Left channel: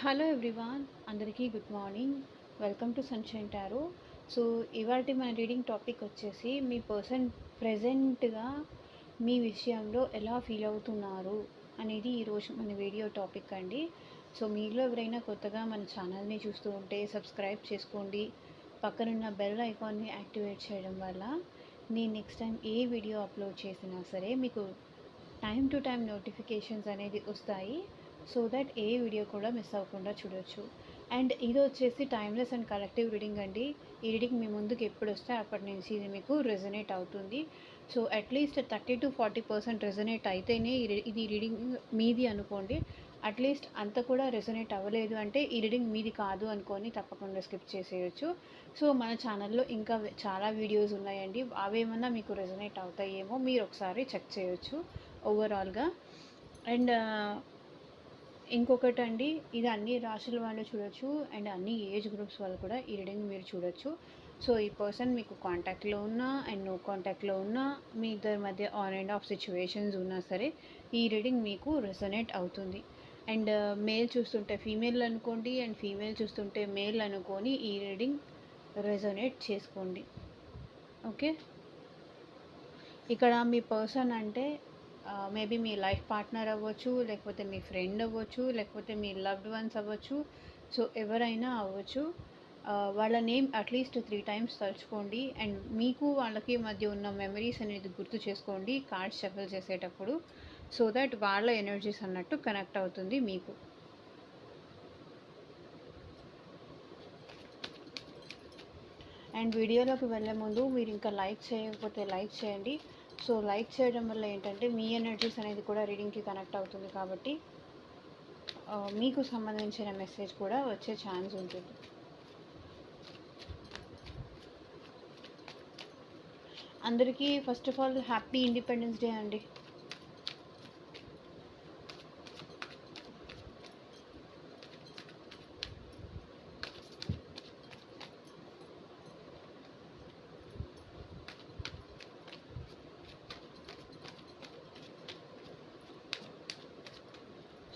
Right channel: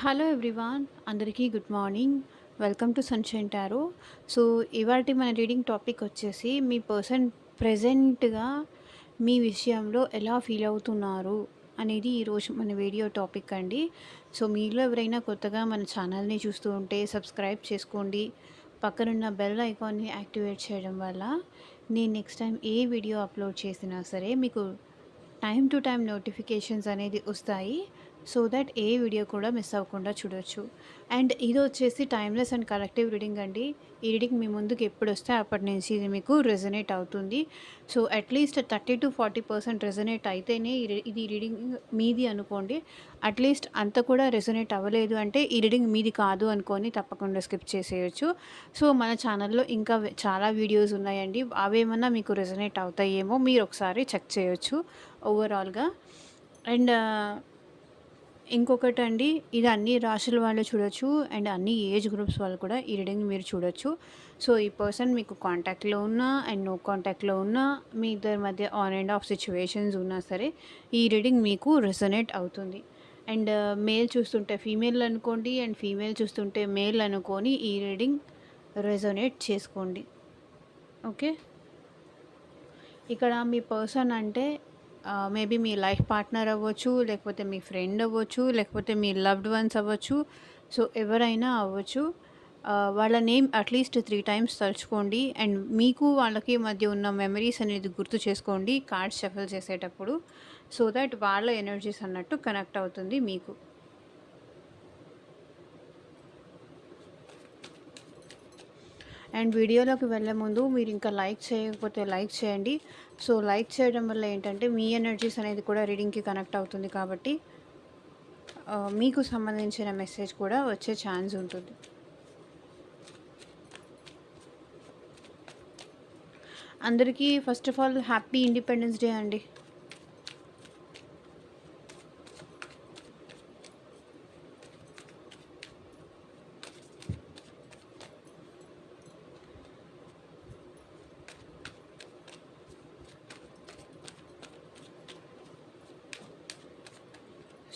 Hello everyone, అందరికీ good morning. Welcome to sunshine tarot. So, ఇవాల్టి మన రీడింగ్ టాపిక్ వచ్చేసి మీ పర్సన్ ప్రెజెంట్‌గా మీ విషయంలో ఎలా ఫీల్ అవుతున్నారు అనేది ఈరోజు మన వీడియో టాపిక్ అండి. సో, మీలో ఎవరైనా కొత్తగా మన ఛానల్‌ని చూస్తూ ఉంటే సబ్స్క్రైబ్ చేసుకోండి. పక్కనున్న బెల్ ఐకాన్ని యాక్టివేట్ చేయడం వల్ల నేను నెక్స్ట్ టైం ఏ వీడియో అప్లోడ్ చేసినా సరే మీకు టైమ్ టు టైమ్ నోటిఫికేషన్స్ అనేది వస్తాయి. సో దట్ ఏ వీడియో కూడా మిస్ అవ్వకుండా చూడొచ్చు. అండ్ ఇది వచ్చేసి టైమ్లెస్ అండ్ కలెక్టివ్ రీడింగ్ అండి. ఈ రీడింగ్ మీ ముందుకు ఎప్పుడు వస్తే అప్పటి నుంచి ఇది మీకు రెజొనేట్ అవుతుంది. సో అట్లీస్ట్ 30-40% రెజొనేట్ అయితేనే ఇది రీడింగ్ మీది అనుకోండి. అట్లీస్ట్ అంత కూడా రెజొనేట్ అవ్వలేదు అంటే ఈ రీడింగ్ మీది కాదు అనుకొని తప్పకుండా స్కిప్ చేసేయచ్చు. సో మన ఛానల్లో ఇంకా చాలా వీడియోస్ ఉన్నాయండి. అవేమన్నా మీకు రెజొనేట్ అవుతాయేమో మీరు ఒకసారి చెక్ చేయొచ్చు ఓవరాల్గా. అండ్ ఇంకొకటండి, ఇది అన్ని రాశుల వాళ్ళు చూడొచ్చు అండ్ అన్ని ఏజ్ గ్రూప్స్ వాళ్ళు కూడా ఈ రీడింగ్ మీరు చూడొచ్చు. సో ఈ పర్సన్ మీకు కాంటాక్ట్లో ఉన్నా అండ్ నో కాంటాక్ట్లో ఉన్నా, మీ ఇద్దరి మధ్య ఆన్ అండ్ ఆఫ్ సిచ్యువేషన్స్ ఉన్నా సరే ఈ రీడింగ్ మీకు రెసొనేట్ అవుతుంది. అండ్ మేల్ చూస్తుంటే ఫీమేల్ అనుకోండి అండ్ ఫీమేల్ చూస్తుంటే మేల్ అనుకొని ఈ రీడింగ్ రెసొనేట్ చేసుకోండి. ఓకే, ఇక్కడ మీ పర్సన్ అంటే మేబీ మీ లైఫ్ పార్ట్నర్ అవ్వచ్చు, లేకపోతే మీ ఫ్రెండ్ అవ్వచ్చు, లేకపోతే మీ లవ్డ్ వన్స్ అవ్వచ్చు. సో ఎవరైనా అవ్వచ్చు. వాళ్ళ నేమ్ అట్లీస్ట్ 3 టైమ్స్ తలుచుకోండి అండ్ మీకు వాళ్ళకి మధ్య ఉన్న మెమరీస్ అనేది గుర్తు చేసుకోండి కార్డ్స్ షఫల్ చేసేటప్పుడు. సో దట్ వాళ్ళ ఎనర్జీస్ అన్నట్టు కనెక్ట్ అవుతుంది మీకు. అండ్ వీడియోలోకి వెళ్ళే ముందు మీరు ఇంకా లైక్ చేయకపోతే లైక్ చేయండి. సో లైక్ చేయడం వల్ల ఏంటంటే మీ ఎనర్జీస్ అనేది కూడా రీడింగ్కి కనెక్ట్ అవుతుంది కాబట్టి మీకు సంబంధించిన మెసేజ్ కూడా వచ్చే ఛాన్స్ ఉంటుంది. అందరికీ first of all happy independence day అండి.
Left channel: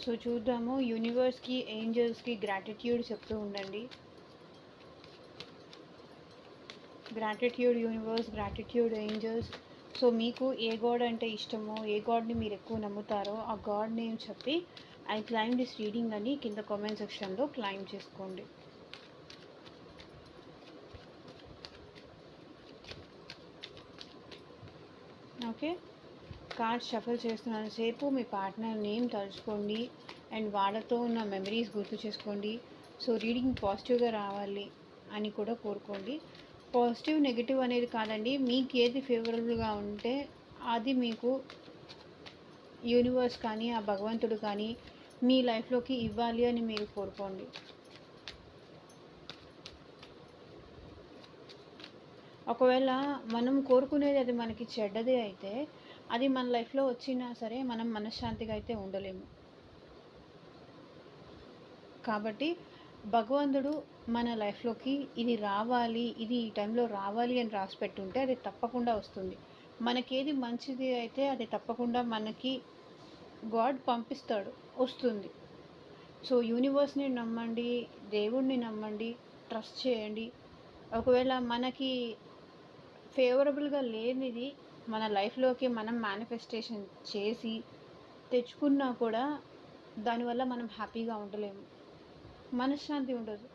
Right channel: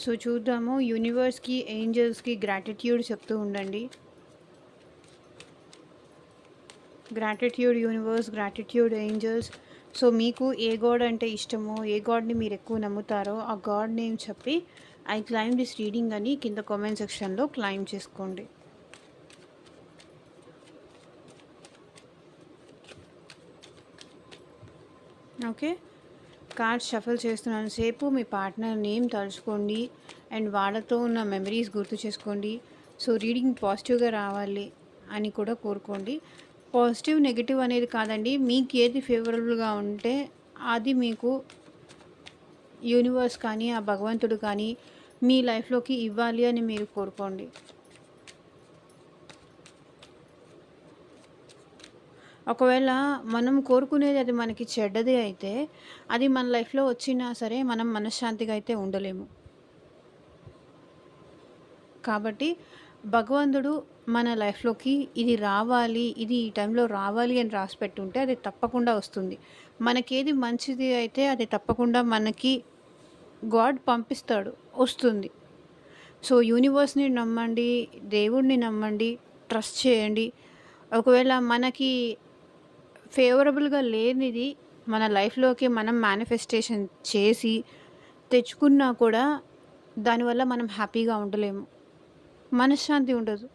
సో చూద్దాము, యూనివర్స్కి ఏంజల్స్కి గ్రాటిట్యూడ్ చెప్తూ ఉండండి. Gratitude universe, gratitude angels. So మీకు ఏ గాడ్ అంటే ఇష్టమో, ఏ గాడ్ని మీరు ఎక్కువ నమ్ముతారో ఆ గాడ్ నేమ్ చెప్పి ఐ క్లైమ్ దిస్ రీడింగ్ అని కింద కామెంట్ సెక్షన్లో క్లైమ్ చేసుకోండి. ఓకే, కార్డ్ షఫల్ చేస్తున్నాను సేపు మీ పార్ట్నర్ నేమ్ తలుచుకోండి అండ్ వాళ్ళతో ఉన్న మెమరీస్ గుర్తు చేసుకోండి. సో రీడింగ్ పాజిటివ్గా రావాలి అని కూడా కోరుకోండి. పాజిటివ్ నెగిటివ్ అనేది కాదండి, మీకు ఏది ఫేవరబుల్గా ఉంటే అది మీకు యూనివర్స్ కానీ ఆ భగవంతుడు కానీ మీ లైఫ్లోకి ఇవ్వాలి అని మీరు కోరుకోండి. ఒకవేళ మనం కోరుకునేది అది మనకి చెడ్డదే అయితే అది మన లైఫ్లో వచ్చినా సరే మనం మనశ్శాంతిగా అయితే ఉండలేము. కాబట్టి భగవంతుడు మన లైఫ్లోకి ఇది రావాలి, ఇది ఈ టైంలో రావాలి అని రాసి పెట్టుంటే అది తప్పకుండా వస్తుంది. మనకేది మంచిది అయితే అది తప్పకుండా మనకి గాడ్ పంపిస్తాడు, వస్తుంది. సో యూనివర్స్ని నమ్మండి, దేవుడిని నమ్మండి, ట్రస్ట్ చేయండి. ఒకవేళ మనకి ఫేవరబుల్గా లేనిది మన లైఫ్లోకి మనం మేనిఫెస్టేషన్ చేసి తెచ్చుకున్నా కూడా దానివల్ల మనం హ్యాపీగా ఉండలేము, మనశ్శాంతి ఉండదు.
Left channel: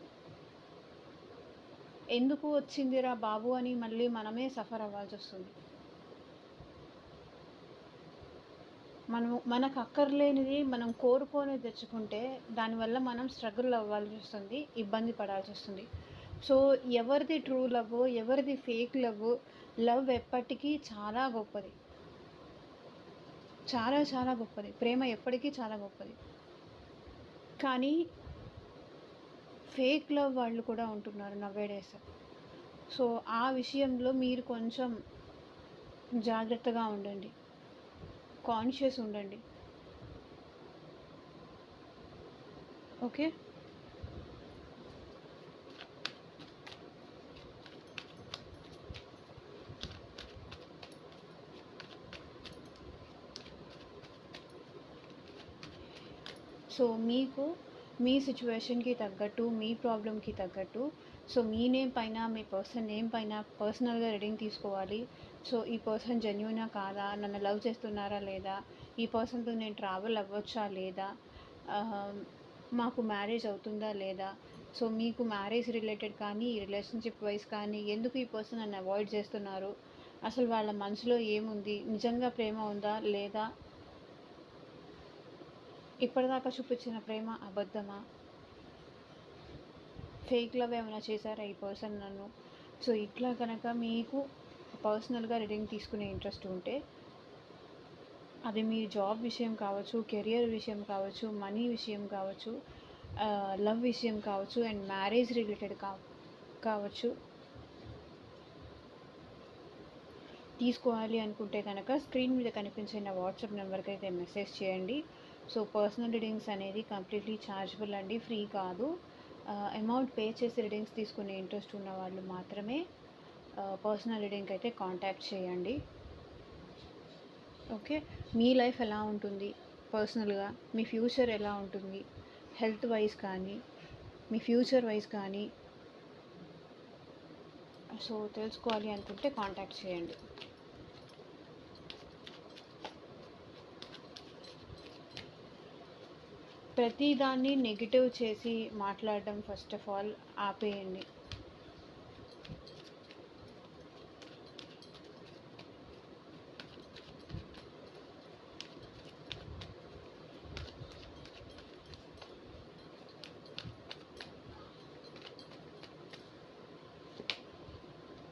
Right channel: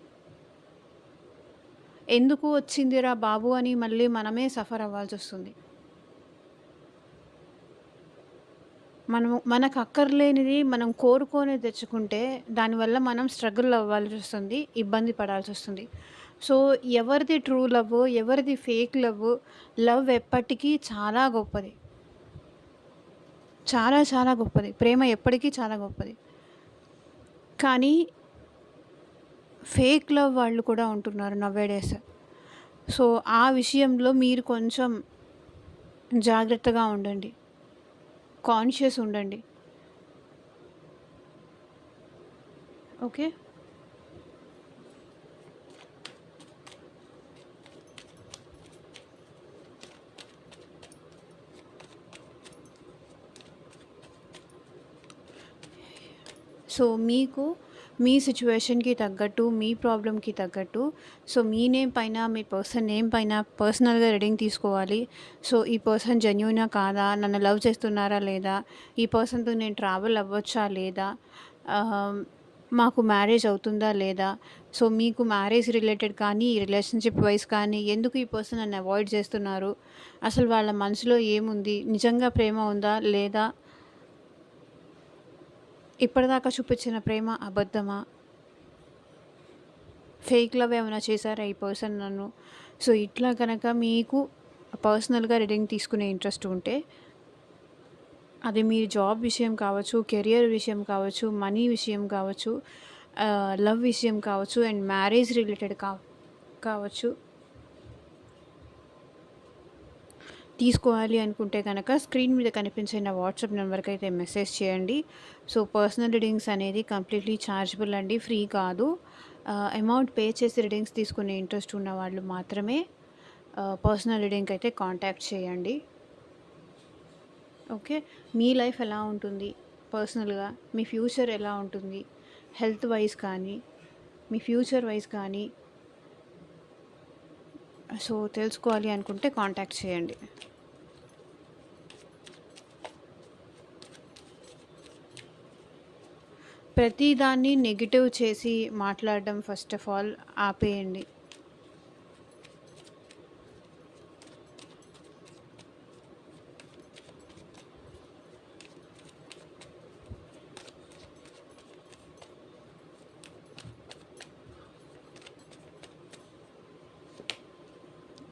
ఎందుకు వచ్చిందిరా బాబు అని మళ్ళీ మనమే సఫర్ అవ్వాల్సి వస్తుంది. మనకు అక్కర్లేనిది మనం కోరుకొని తెచ్చుకుంటే దానివల్ల మనం స్ట్రగుల్ అవ్వాల్సి వస్తుంది, ఇబ్బంది పడాల్సి వస్తుంది. సో ఎవరిది ట్రూ లవ్, ఎవరిది ఫేక్ లవ్, లవ్ ఎప్పటికీ చాలా గొప్పది, చాలా చాలా గొప్పది. ప్రేమ ఎప్పటికీ చాలా గొప్పది. కానీ ఫేక్ లవ్ వాళ్ళు కూడా ఉంటున్నారు నవ్వేడేస్. సో ఆ విషయంలో మీరు కొంచెం జాగ్రత్తగా ఉండండి, కాన్షియస్ ఉండండి. ఓకే, సో మీకు మీ సిట్యుయేషన్‌కి తగ్గట్టు, మీ ప్రాబ్లమ్‌కి తగ్గట్టు సో, మీ నేమ్ పైన, మీ పర్సన్ నేమ్ పైన పర్సనల్‌గా రీడింగ్ తీసుకోవాలి. సో, ఈ పర్సన్ జెన్యూనా కాదా? నన్ను లవ్ చేస్తున్నారా లేదా? ఈ పర్సన్‌తో నేను ట్రావెల్ అవ్వచ్చా లేదా? ఆహ్, మాకు మ్యారేజ్ అవుతుందా లేదా? సో, మీకు మ్యారేజ్ రిలేటెడ్ కానీ, రిలేషన్‌షిప్ వైస్ కానీ ఎందుకు ఈ పర్సన్ నన్ను అవాయిడ్ చేస్తున్నారు? అసలు వాళ్ళ మనసులో ఏముంది? నిజంగా ప్రేమ ఉందా? లేదా? ఇప్పటిదాకా చూపించిన ప్రేమ అబద్ధమా? ఫేక్ లవ్ ఏమైనా చేశారా ఈ పర్సన్ నన్ను? సో, ఇట్లా గనక మీకు పర్సనల్‌గా రీడింగ్ తీసుకునే ఇంట్రెస్ట్ ఉంటే, అది మీ జాబ్ విషయం కావచ్చు, కెరియర్ విషయం కావచ్చు, మనీ విషయం కావచ్చు, లవ్ విషయం కావచ్చు అండ్ మ్యారేజ్ రిలేటెడ్ కావచ్చు. తీసుకోవాలి అనుకుంటే గనక స్క్రీన్ మీద కనిపించే నా వాట్సాప్ నెంబర్‌కైతే మెసేజ్ చేయండి. సో, పర్సనల్ రీడింగ్స్ అనేది కంప్లీట్‌లీ ఛార్జబుల్ అండి. ఫ్రీ కాదు. అమౌంట్ పే చేసి రీడింగ్స్ తీసుకునే ఇంట్రెస్ట్ ఉన్న వాళ్ళు మాత్రమే పర్సనల్ రీడింగ్‌కైతే కాంటాక్ట్ చేయండి. ఓకే. మీ లైఫ్ ఎలా ఉంటుంది పర్సనల్‌గా? మీ ఫ్యూచర్ ఎలా ఉంటుంది? హెల్త్ వైస్ కానీ, మీ ఫ్యూచర్ వైస్ కానీ సో, తెలుసుకోవాలి అనుకుంటే కాంటాక్ట్ చేయండి. ప్రతి దాన్ని నెగెటివ్ చేసి మాట్లాడడం ఫస్ట్ ఆఫ్ ఆల్ ఆపేయండి.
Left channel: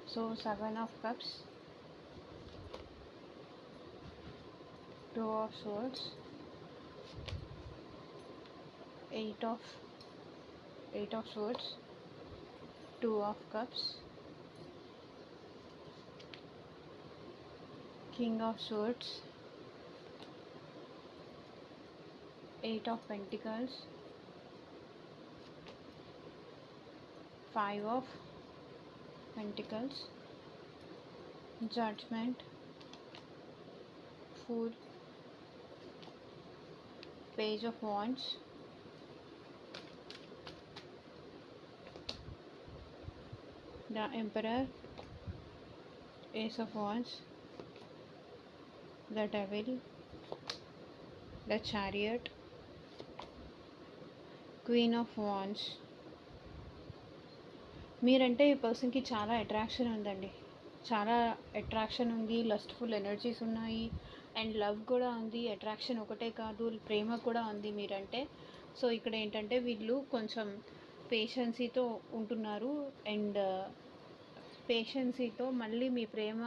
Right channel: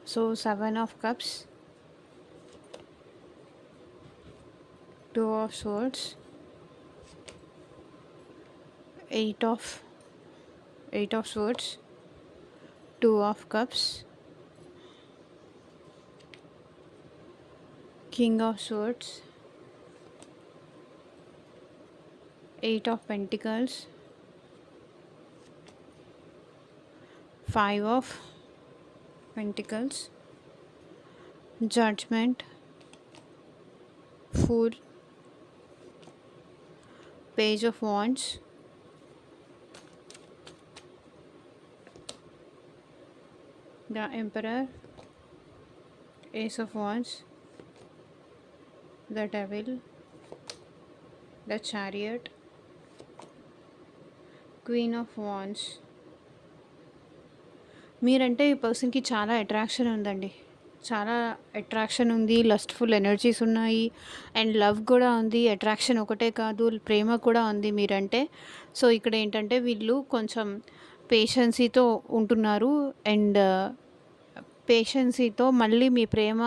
So, 7 of cups, 2 of swords, 8 of 8 of swords, 2 of cups, king of swords, 8 of pentacles, 5 of pentacles, judgment, fool, page of wands, the emperor, ace of wands, the devil, the chariot, queen of wands. మీరంటే ఈ పర్సన్‌కి చాలా attraction ఉందండి. చాలా attraction ఉంది. Lustful energies ఉన్నాయి. And love కూడా ఉంది. అట్రాక్షన్ ఒకటే కాదు, ప్రేమ కూడా ఉంది మీరంటే. సో, ఇక్కడ ఏంటంటే వీళ్ళు కొంచెం పేషెన్సీతో ఉంటున్నారు. అండ్ పేషెన్సీతో మళ్ళీ మీ ప్రేమ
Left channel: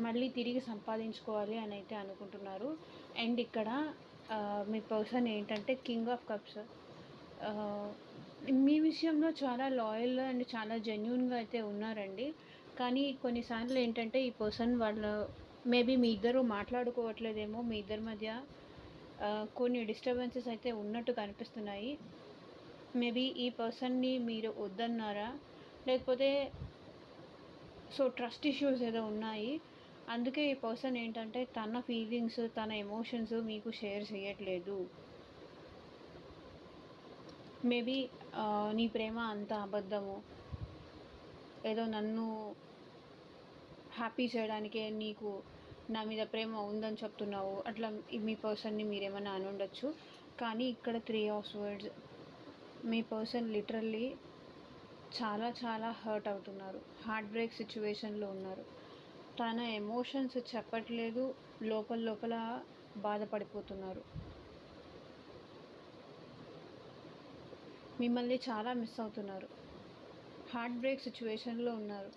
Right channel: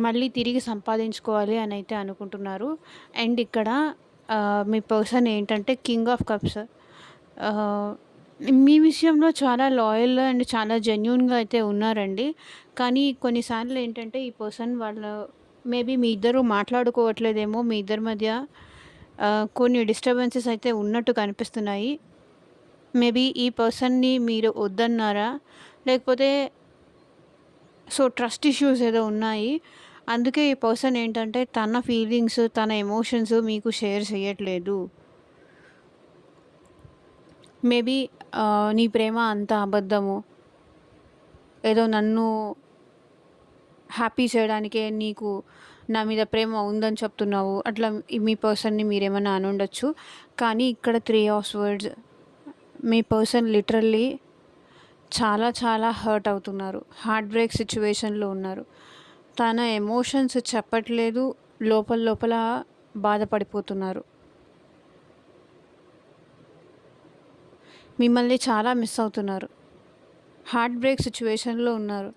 మళ్ళీ తిరిగి సంపాదించుకోవాలి అని అయితే అనుకుంటున్నారు. అండ్ ఇక్కడ మీ పర్సన్ ఏంటంటే కింగ్ ఆఫ్ కప్స్. మీ విషయంలో చాలా లాయల్ అండ్ చాలా జెన్యూన్‌గా అయితే ఉన్నారండి. కానీ కొన్నిసార్లు ఏంటంటే ఈ పర్సన్ వాళ్ళు మేబీ మీ ఇద్దరు మాట్లాడుకోవట్లేదేమో. మీ ఇద్దరి మధ్య కొన్ని డిస్టర్బెన్సెస్ అయితే ఉన్నట్టు కనిపిస్తున్నాయి. మేబీ ఈ పర్సన్‌ని మీరు వద్దన్నారా? లేకపోతే సో, ట్రస్ట్ ఇష్యూస్ ఏదో ఉన్నాయి. అందుకే ఈ పర్సన్ ఏంటంటే తన ఫీలింగ్స్, తన ఎమోషన్స్ మీకు షేర్ చేయట్లేదు. మేబీ నీ ప్రేమ అంతా అబద్ధము. ఏదో నన్ను హ్యాపీ చేయడానికే నీకు నా మీద ప్రేమ ఉందని చెప్తున్నావు. అట్లా మీ పర్సన్‌ని మీరేమన్నా అనుండొచ్చు. కానీ ఇక్కడ 3 of swords me person literally చాలా చాలా హర్ట్ అవుతున్నారు. హార్ట్ బ్రేక్ సిట్యుయేషన్‌లో ఉన్నారు. తన ఎమోషన్స్ చెప్పట్లేదు. లోపల లోపల బాధపడిపోతున్నారు. మిమ్మల్ని చాలా మిస్ అవుతున్నారు. హార్ట్ బ్రేక్ సిట్యుయేషన్‌లో ఉన్నారు.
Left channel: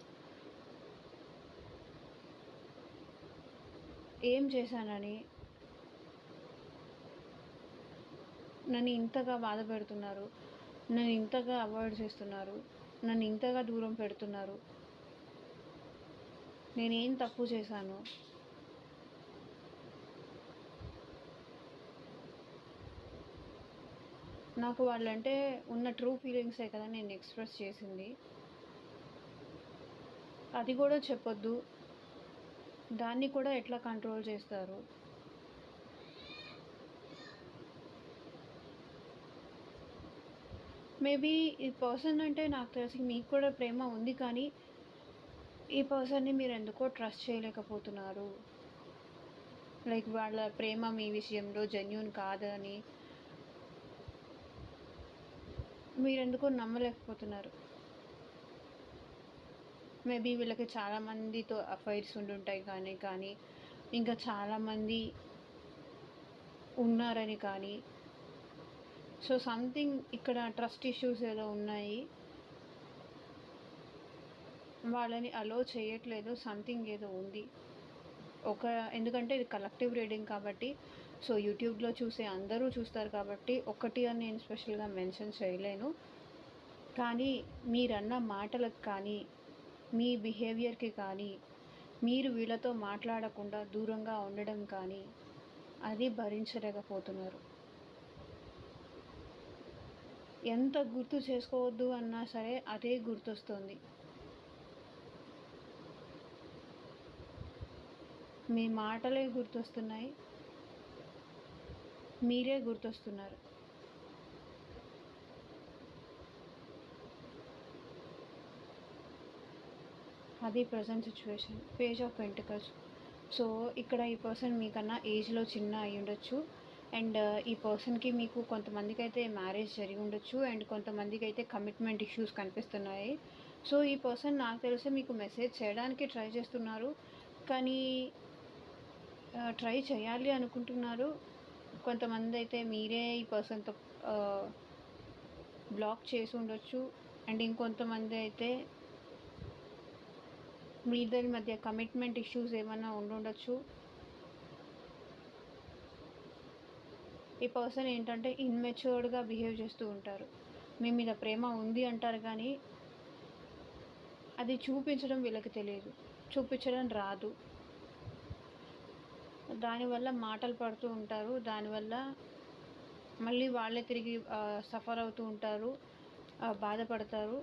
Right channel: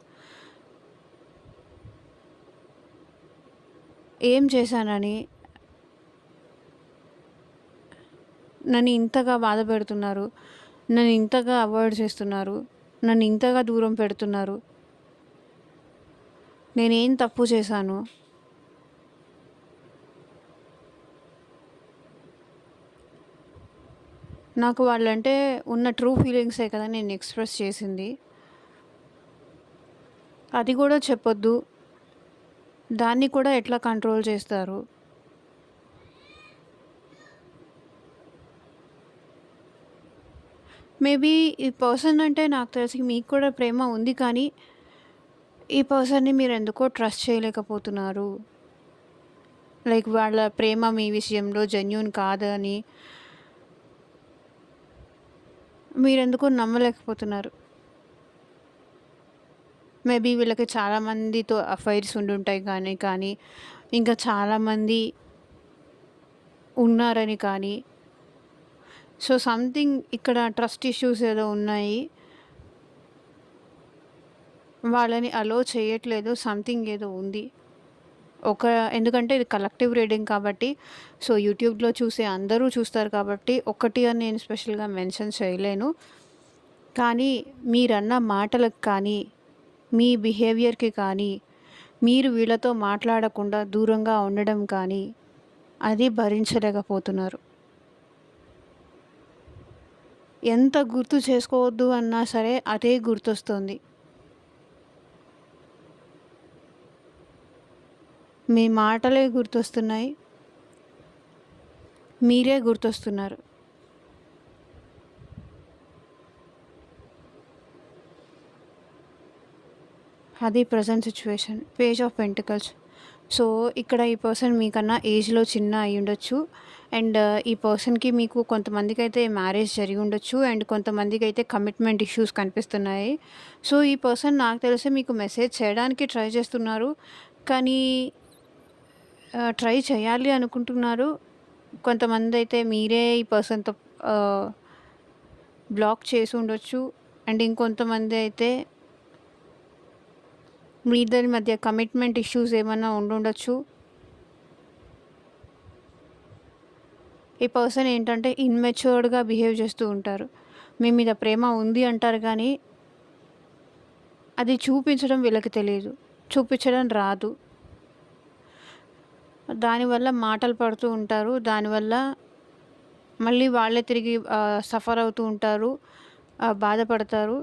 ఏం చేశానని నన్ను ఇంతగా బాధపెడుతున్నారు. నన్ను ఇంతగా అవాయిడ్ చేస్తున్నారు. నన్ను ఇంతగా దూరం పెడుతున్నారు. నేనేం తప్పు చేశాను? నాకు వాళ్ళంటే ఉన్న ట్రూ ఫీలింగ్సే కదా నేను ఎక్స్‌ప్రెస్ చేసింది. అది కూడా చెప్పొద్దు. దాన్ని కూడా ఎట్లా కంట్రోల్ చేస్తారు? మేబీ ఈ పర్సన్ అంటే నాకు తెలిసి మీకు కూడా ప్రేమ ఉంది, కానీ ఈ పర్సన్‌ని మీరెందుకో ట్రస్ట్ చేయలేకపోతున్నారు. లైక్ వాళ్ళ ప్రేమ మీ విషయంలో జెన్యూన్ కాదని మీరెందుకో నమ్మలేకపోతున్నారు. మేబీ వీళ్ళకి చాలామందితో అఫైర్స్ ఉండుంటాయి కానీ ఇంకా చాలామంది ఉన్నారని కానీ, సో సంథింగ్ ఇక్కడ ట్రస్ట్ ఇష్యూస్ ఏదో ఉన్నాయి. వాళ్ళని అలో చేయట్లేదు. సంథింగ్ ఏదో ఉంది. ఎందుకంటే ఇది కలెక్టివ్ రీడింగ్ కాబట్టి, సో యూట్యూబ్‌లో చూసే అందరూ చూస్తారు కాబట్టి ఒకటి అని నేను స్పెషల్‌గా మెన్షన్ చేయలేను. కానీ మీరన్న మాటలకు కానీ, మీ బిహేవియర్‌కి కానీ, మీరు వీళ్ళతో మాట్లాడకుండా దూరంగా ఉండడం కానీ, అది భరించలేకపోతున్నారు. ఎంత గుర్తు చేసుకోవద్దు అన్నా సరే అదే గుర్తొస్తుంది. మీ మాటలే గుర్తొస్తున్నాయి. మీరే గుర్తొస్తున్నారు. అది present situation. Page of pentacles. So ఇక్కడ ఈ పర్సన్ మీకన్నా ఏజ్‌లో చిన్న అయ్యుండొచ్చు. అండ్ ఈ పర్సన్‌కి మీకు కొంతమందికైతే మ్యారేజ్ జరిగి ఉండొచ్చు. అండ్ కొంతమందికైతే కమిట్మెంట్ ఇష్యూస్ కనిపిస్తున్నాయి. సో ఈ పర్సన్ నాకు తెలిసి మీకు మెసేజ్ చేయడానికి ట్రై చేస్తున్నారు. కానీ ట్రై చేయాలి అనుకుంటున్నారు. కొంతమందైతే మీరే ఈ పర్సన్‌తో బ్లాక్ చేసి ఉండొచ్చు. అండ్ ఇంకొంతమంది అయితే మీ ఇద్దరి మధ్య కమిట్మెంట్ ఇష్యూస్ ఏమన్నా ఉండుండొచ్చు. ఈ పర్సన్ ఏంటంటే ఇమ్మెచ్యూర్డ్‌గా బిహేవ్ చేస్తూ ఉంటారు. మీ మీద ప్రేమ ఉంది అంటారు కానీ, అది చూపించడం వీళ్ళకి తెలీదు. చూపించడం రాదు. దానివల్ల మాటలు పడుతూ ఉంటారు. దానివల్ల మళ్ళీ వాళ్ళే తిరిగి సఫర్ అవుతూ ఉంటారు. బాధపడతారు.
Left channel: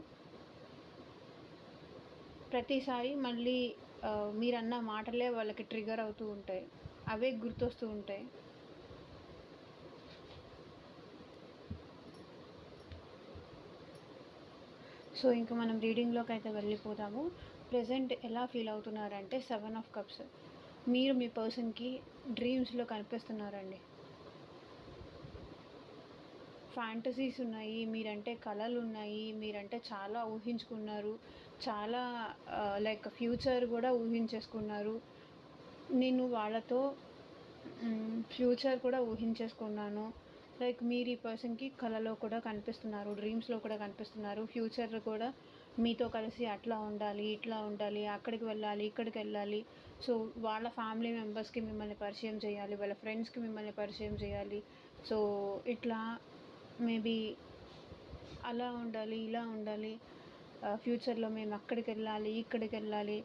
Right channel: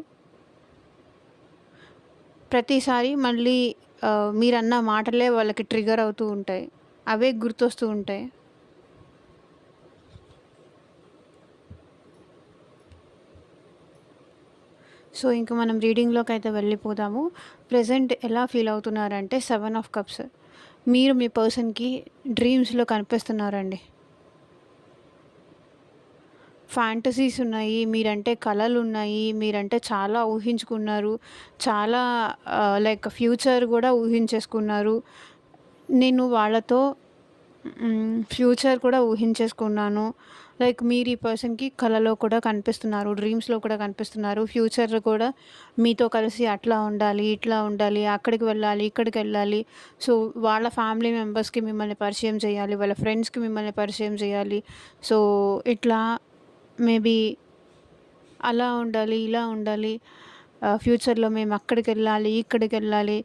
ప్రతిసారి మళ్ళీ మీరన్న మాటలే వాళ్ళకి ట్రిగ్గర్ అవుతూ ఉంటాయి. అవే గుర్తొస్తూ ఉంటాయి. సో ఇంక మనం రీడింగ్‌లోకి అయితే వెళ్ళిపోదాము. ప్రెజెంట్ ఎలా ఫీల్ అవుతున్నారంటే 7 ఆఫ్ కప్స్. మీరు మీ పర్సన్‌కి డ్రీమ్స్‌లో కనిపిస్తున్నారండి. ఫ్యాంటసీస్ ఉన్నాయి. మీరంటే కలలున్నాయి. మీరంటే చాలా ఊహించుకున్నారు. చాలా లైక్ ఫ్యూచర్ గూడా ఊహించేసుకున్నారు. నేను వాళ్ళతో ఫ్యూచర్ కూడా ఊహించేసుకున్నాను. లైక్ మీరు ఈ పర్సన్‌కి కలలో కూడా కనిపిస్తున్నారు. డ్రీమ్స్‌లో కూడా కనిపిస్తున్నారు. ఫ్యూచర్‌లో కూడా మీతో కలిసి అట్లా ఉండాలి, ఇట్లా ఉండాలి, అక్కడికి వెళ్ళాలి, ఇక్కడికెళ్ళాలి. సో వాళ్ళ ఫ్యామిలీ మెంబర్స్‌కి మిమ్మల్ని పరిచయం చేయాలి. వాళ్ళ ఫ్రెండ్స్‌కి మిమ్మల్ని పరిచయం చేయాలి. సో ఇట్లా మేబీ అలా ఉండాలి, ఇలా ఉండాలి. ఫ్యూచర్‌లో మేము అక్కడికెళ్ళాలి, ఇక్కడికెళ్ళాలి.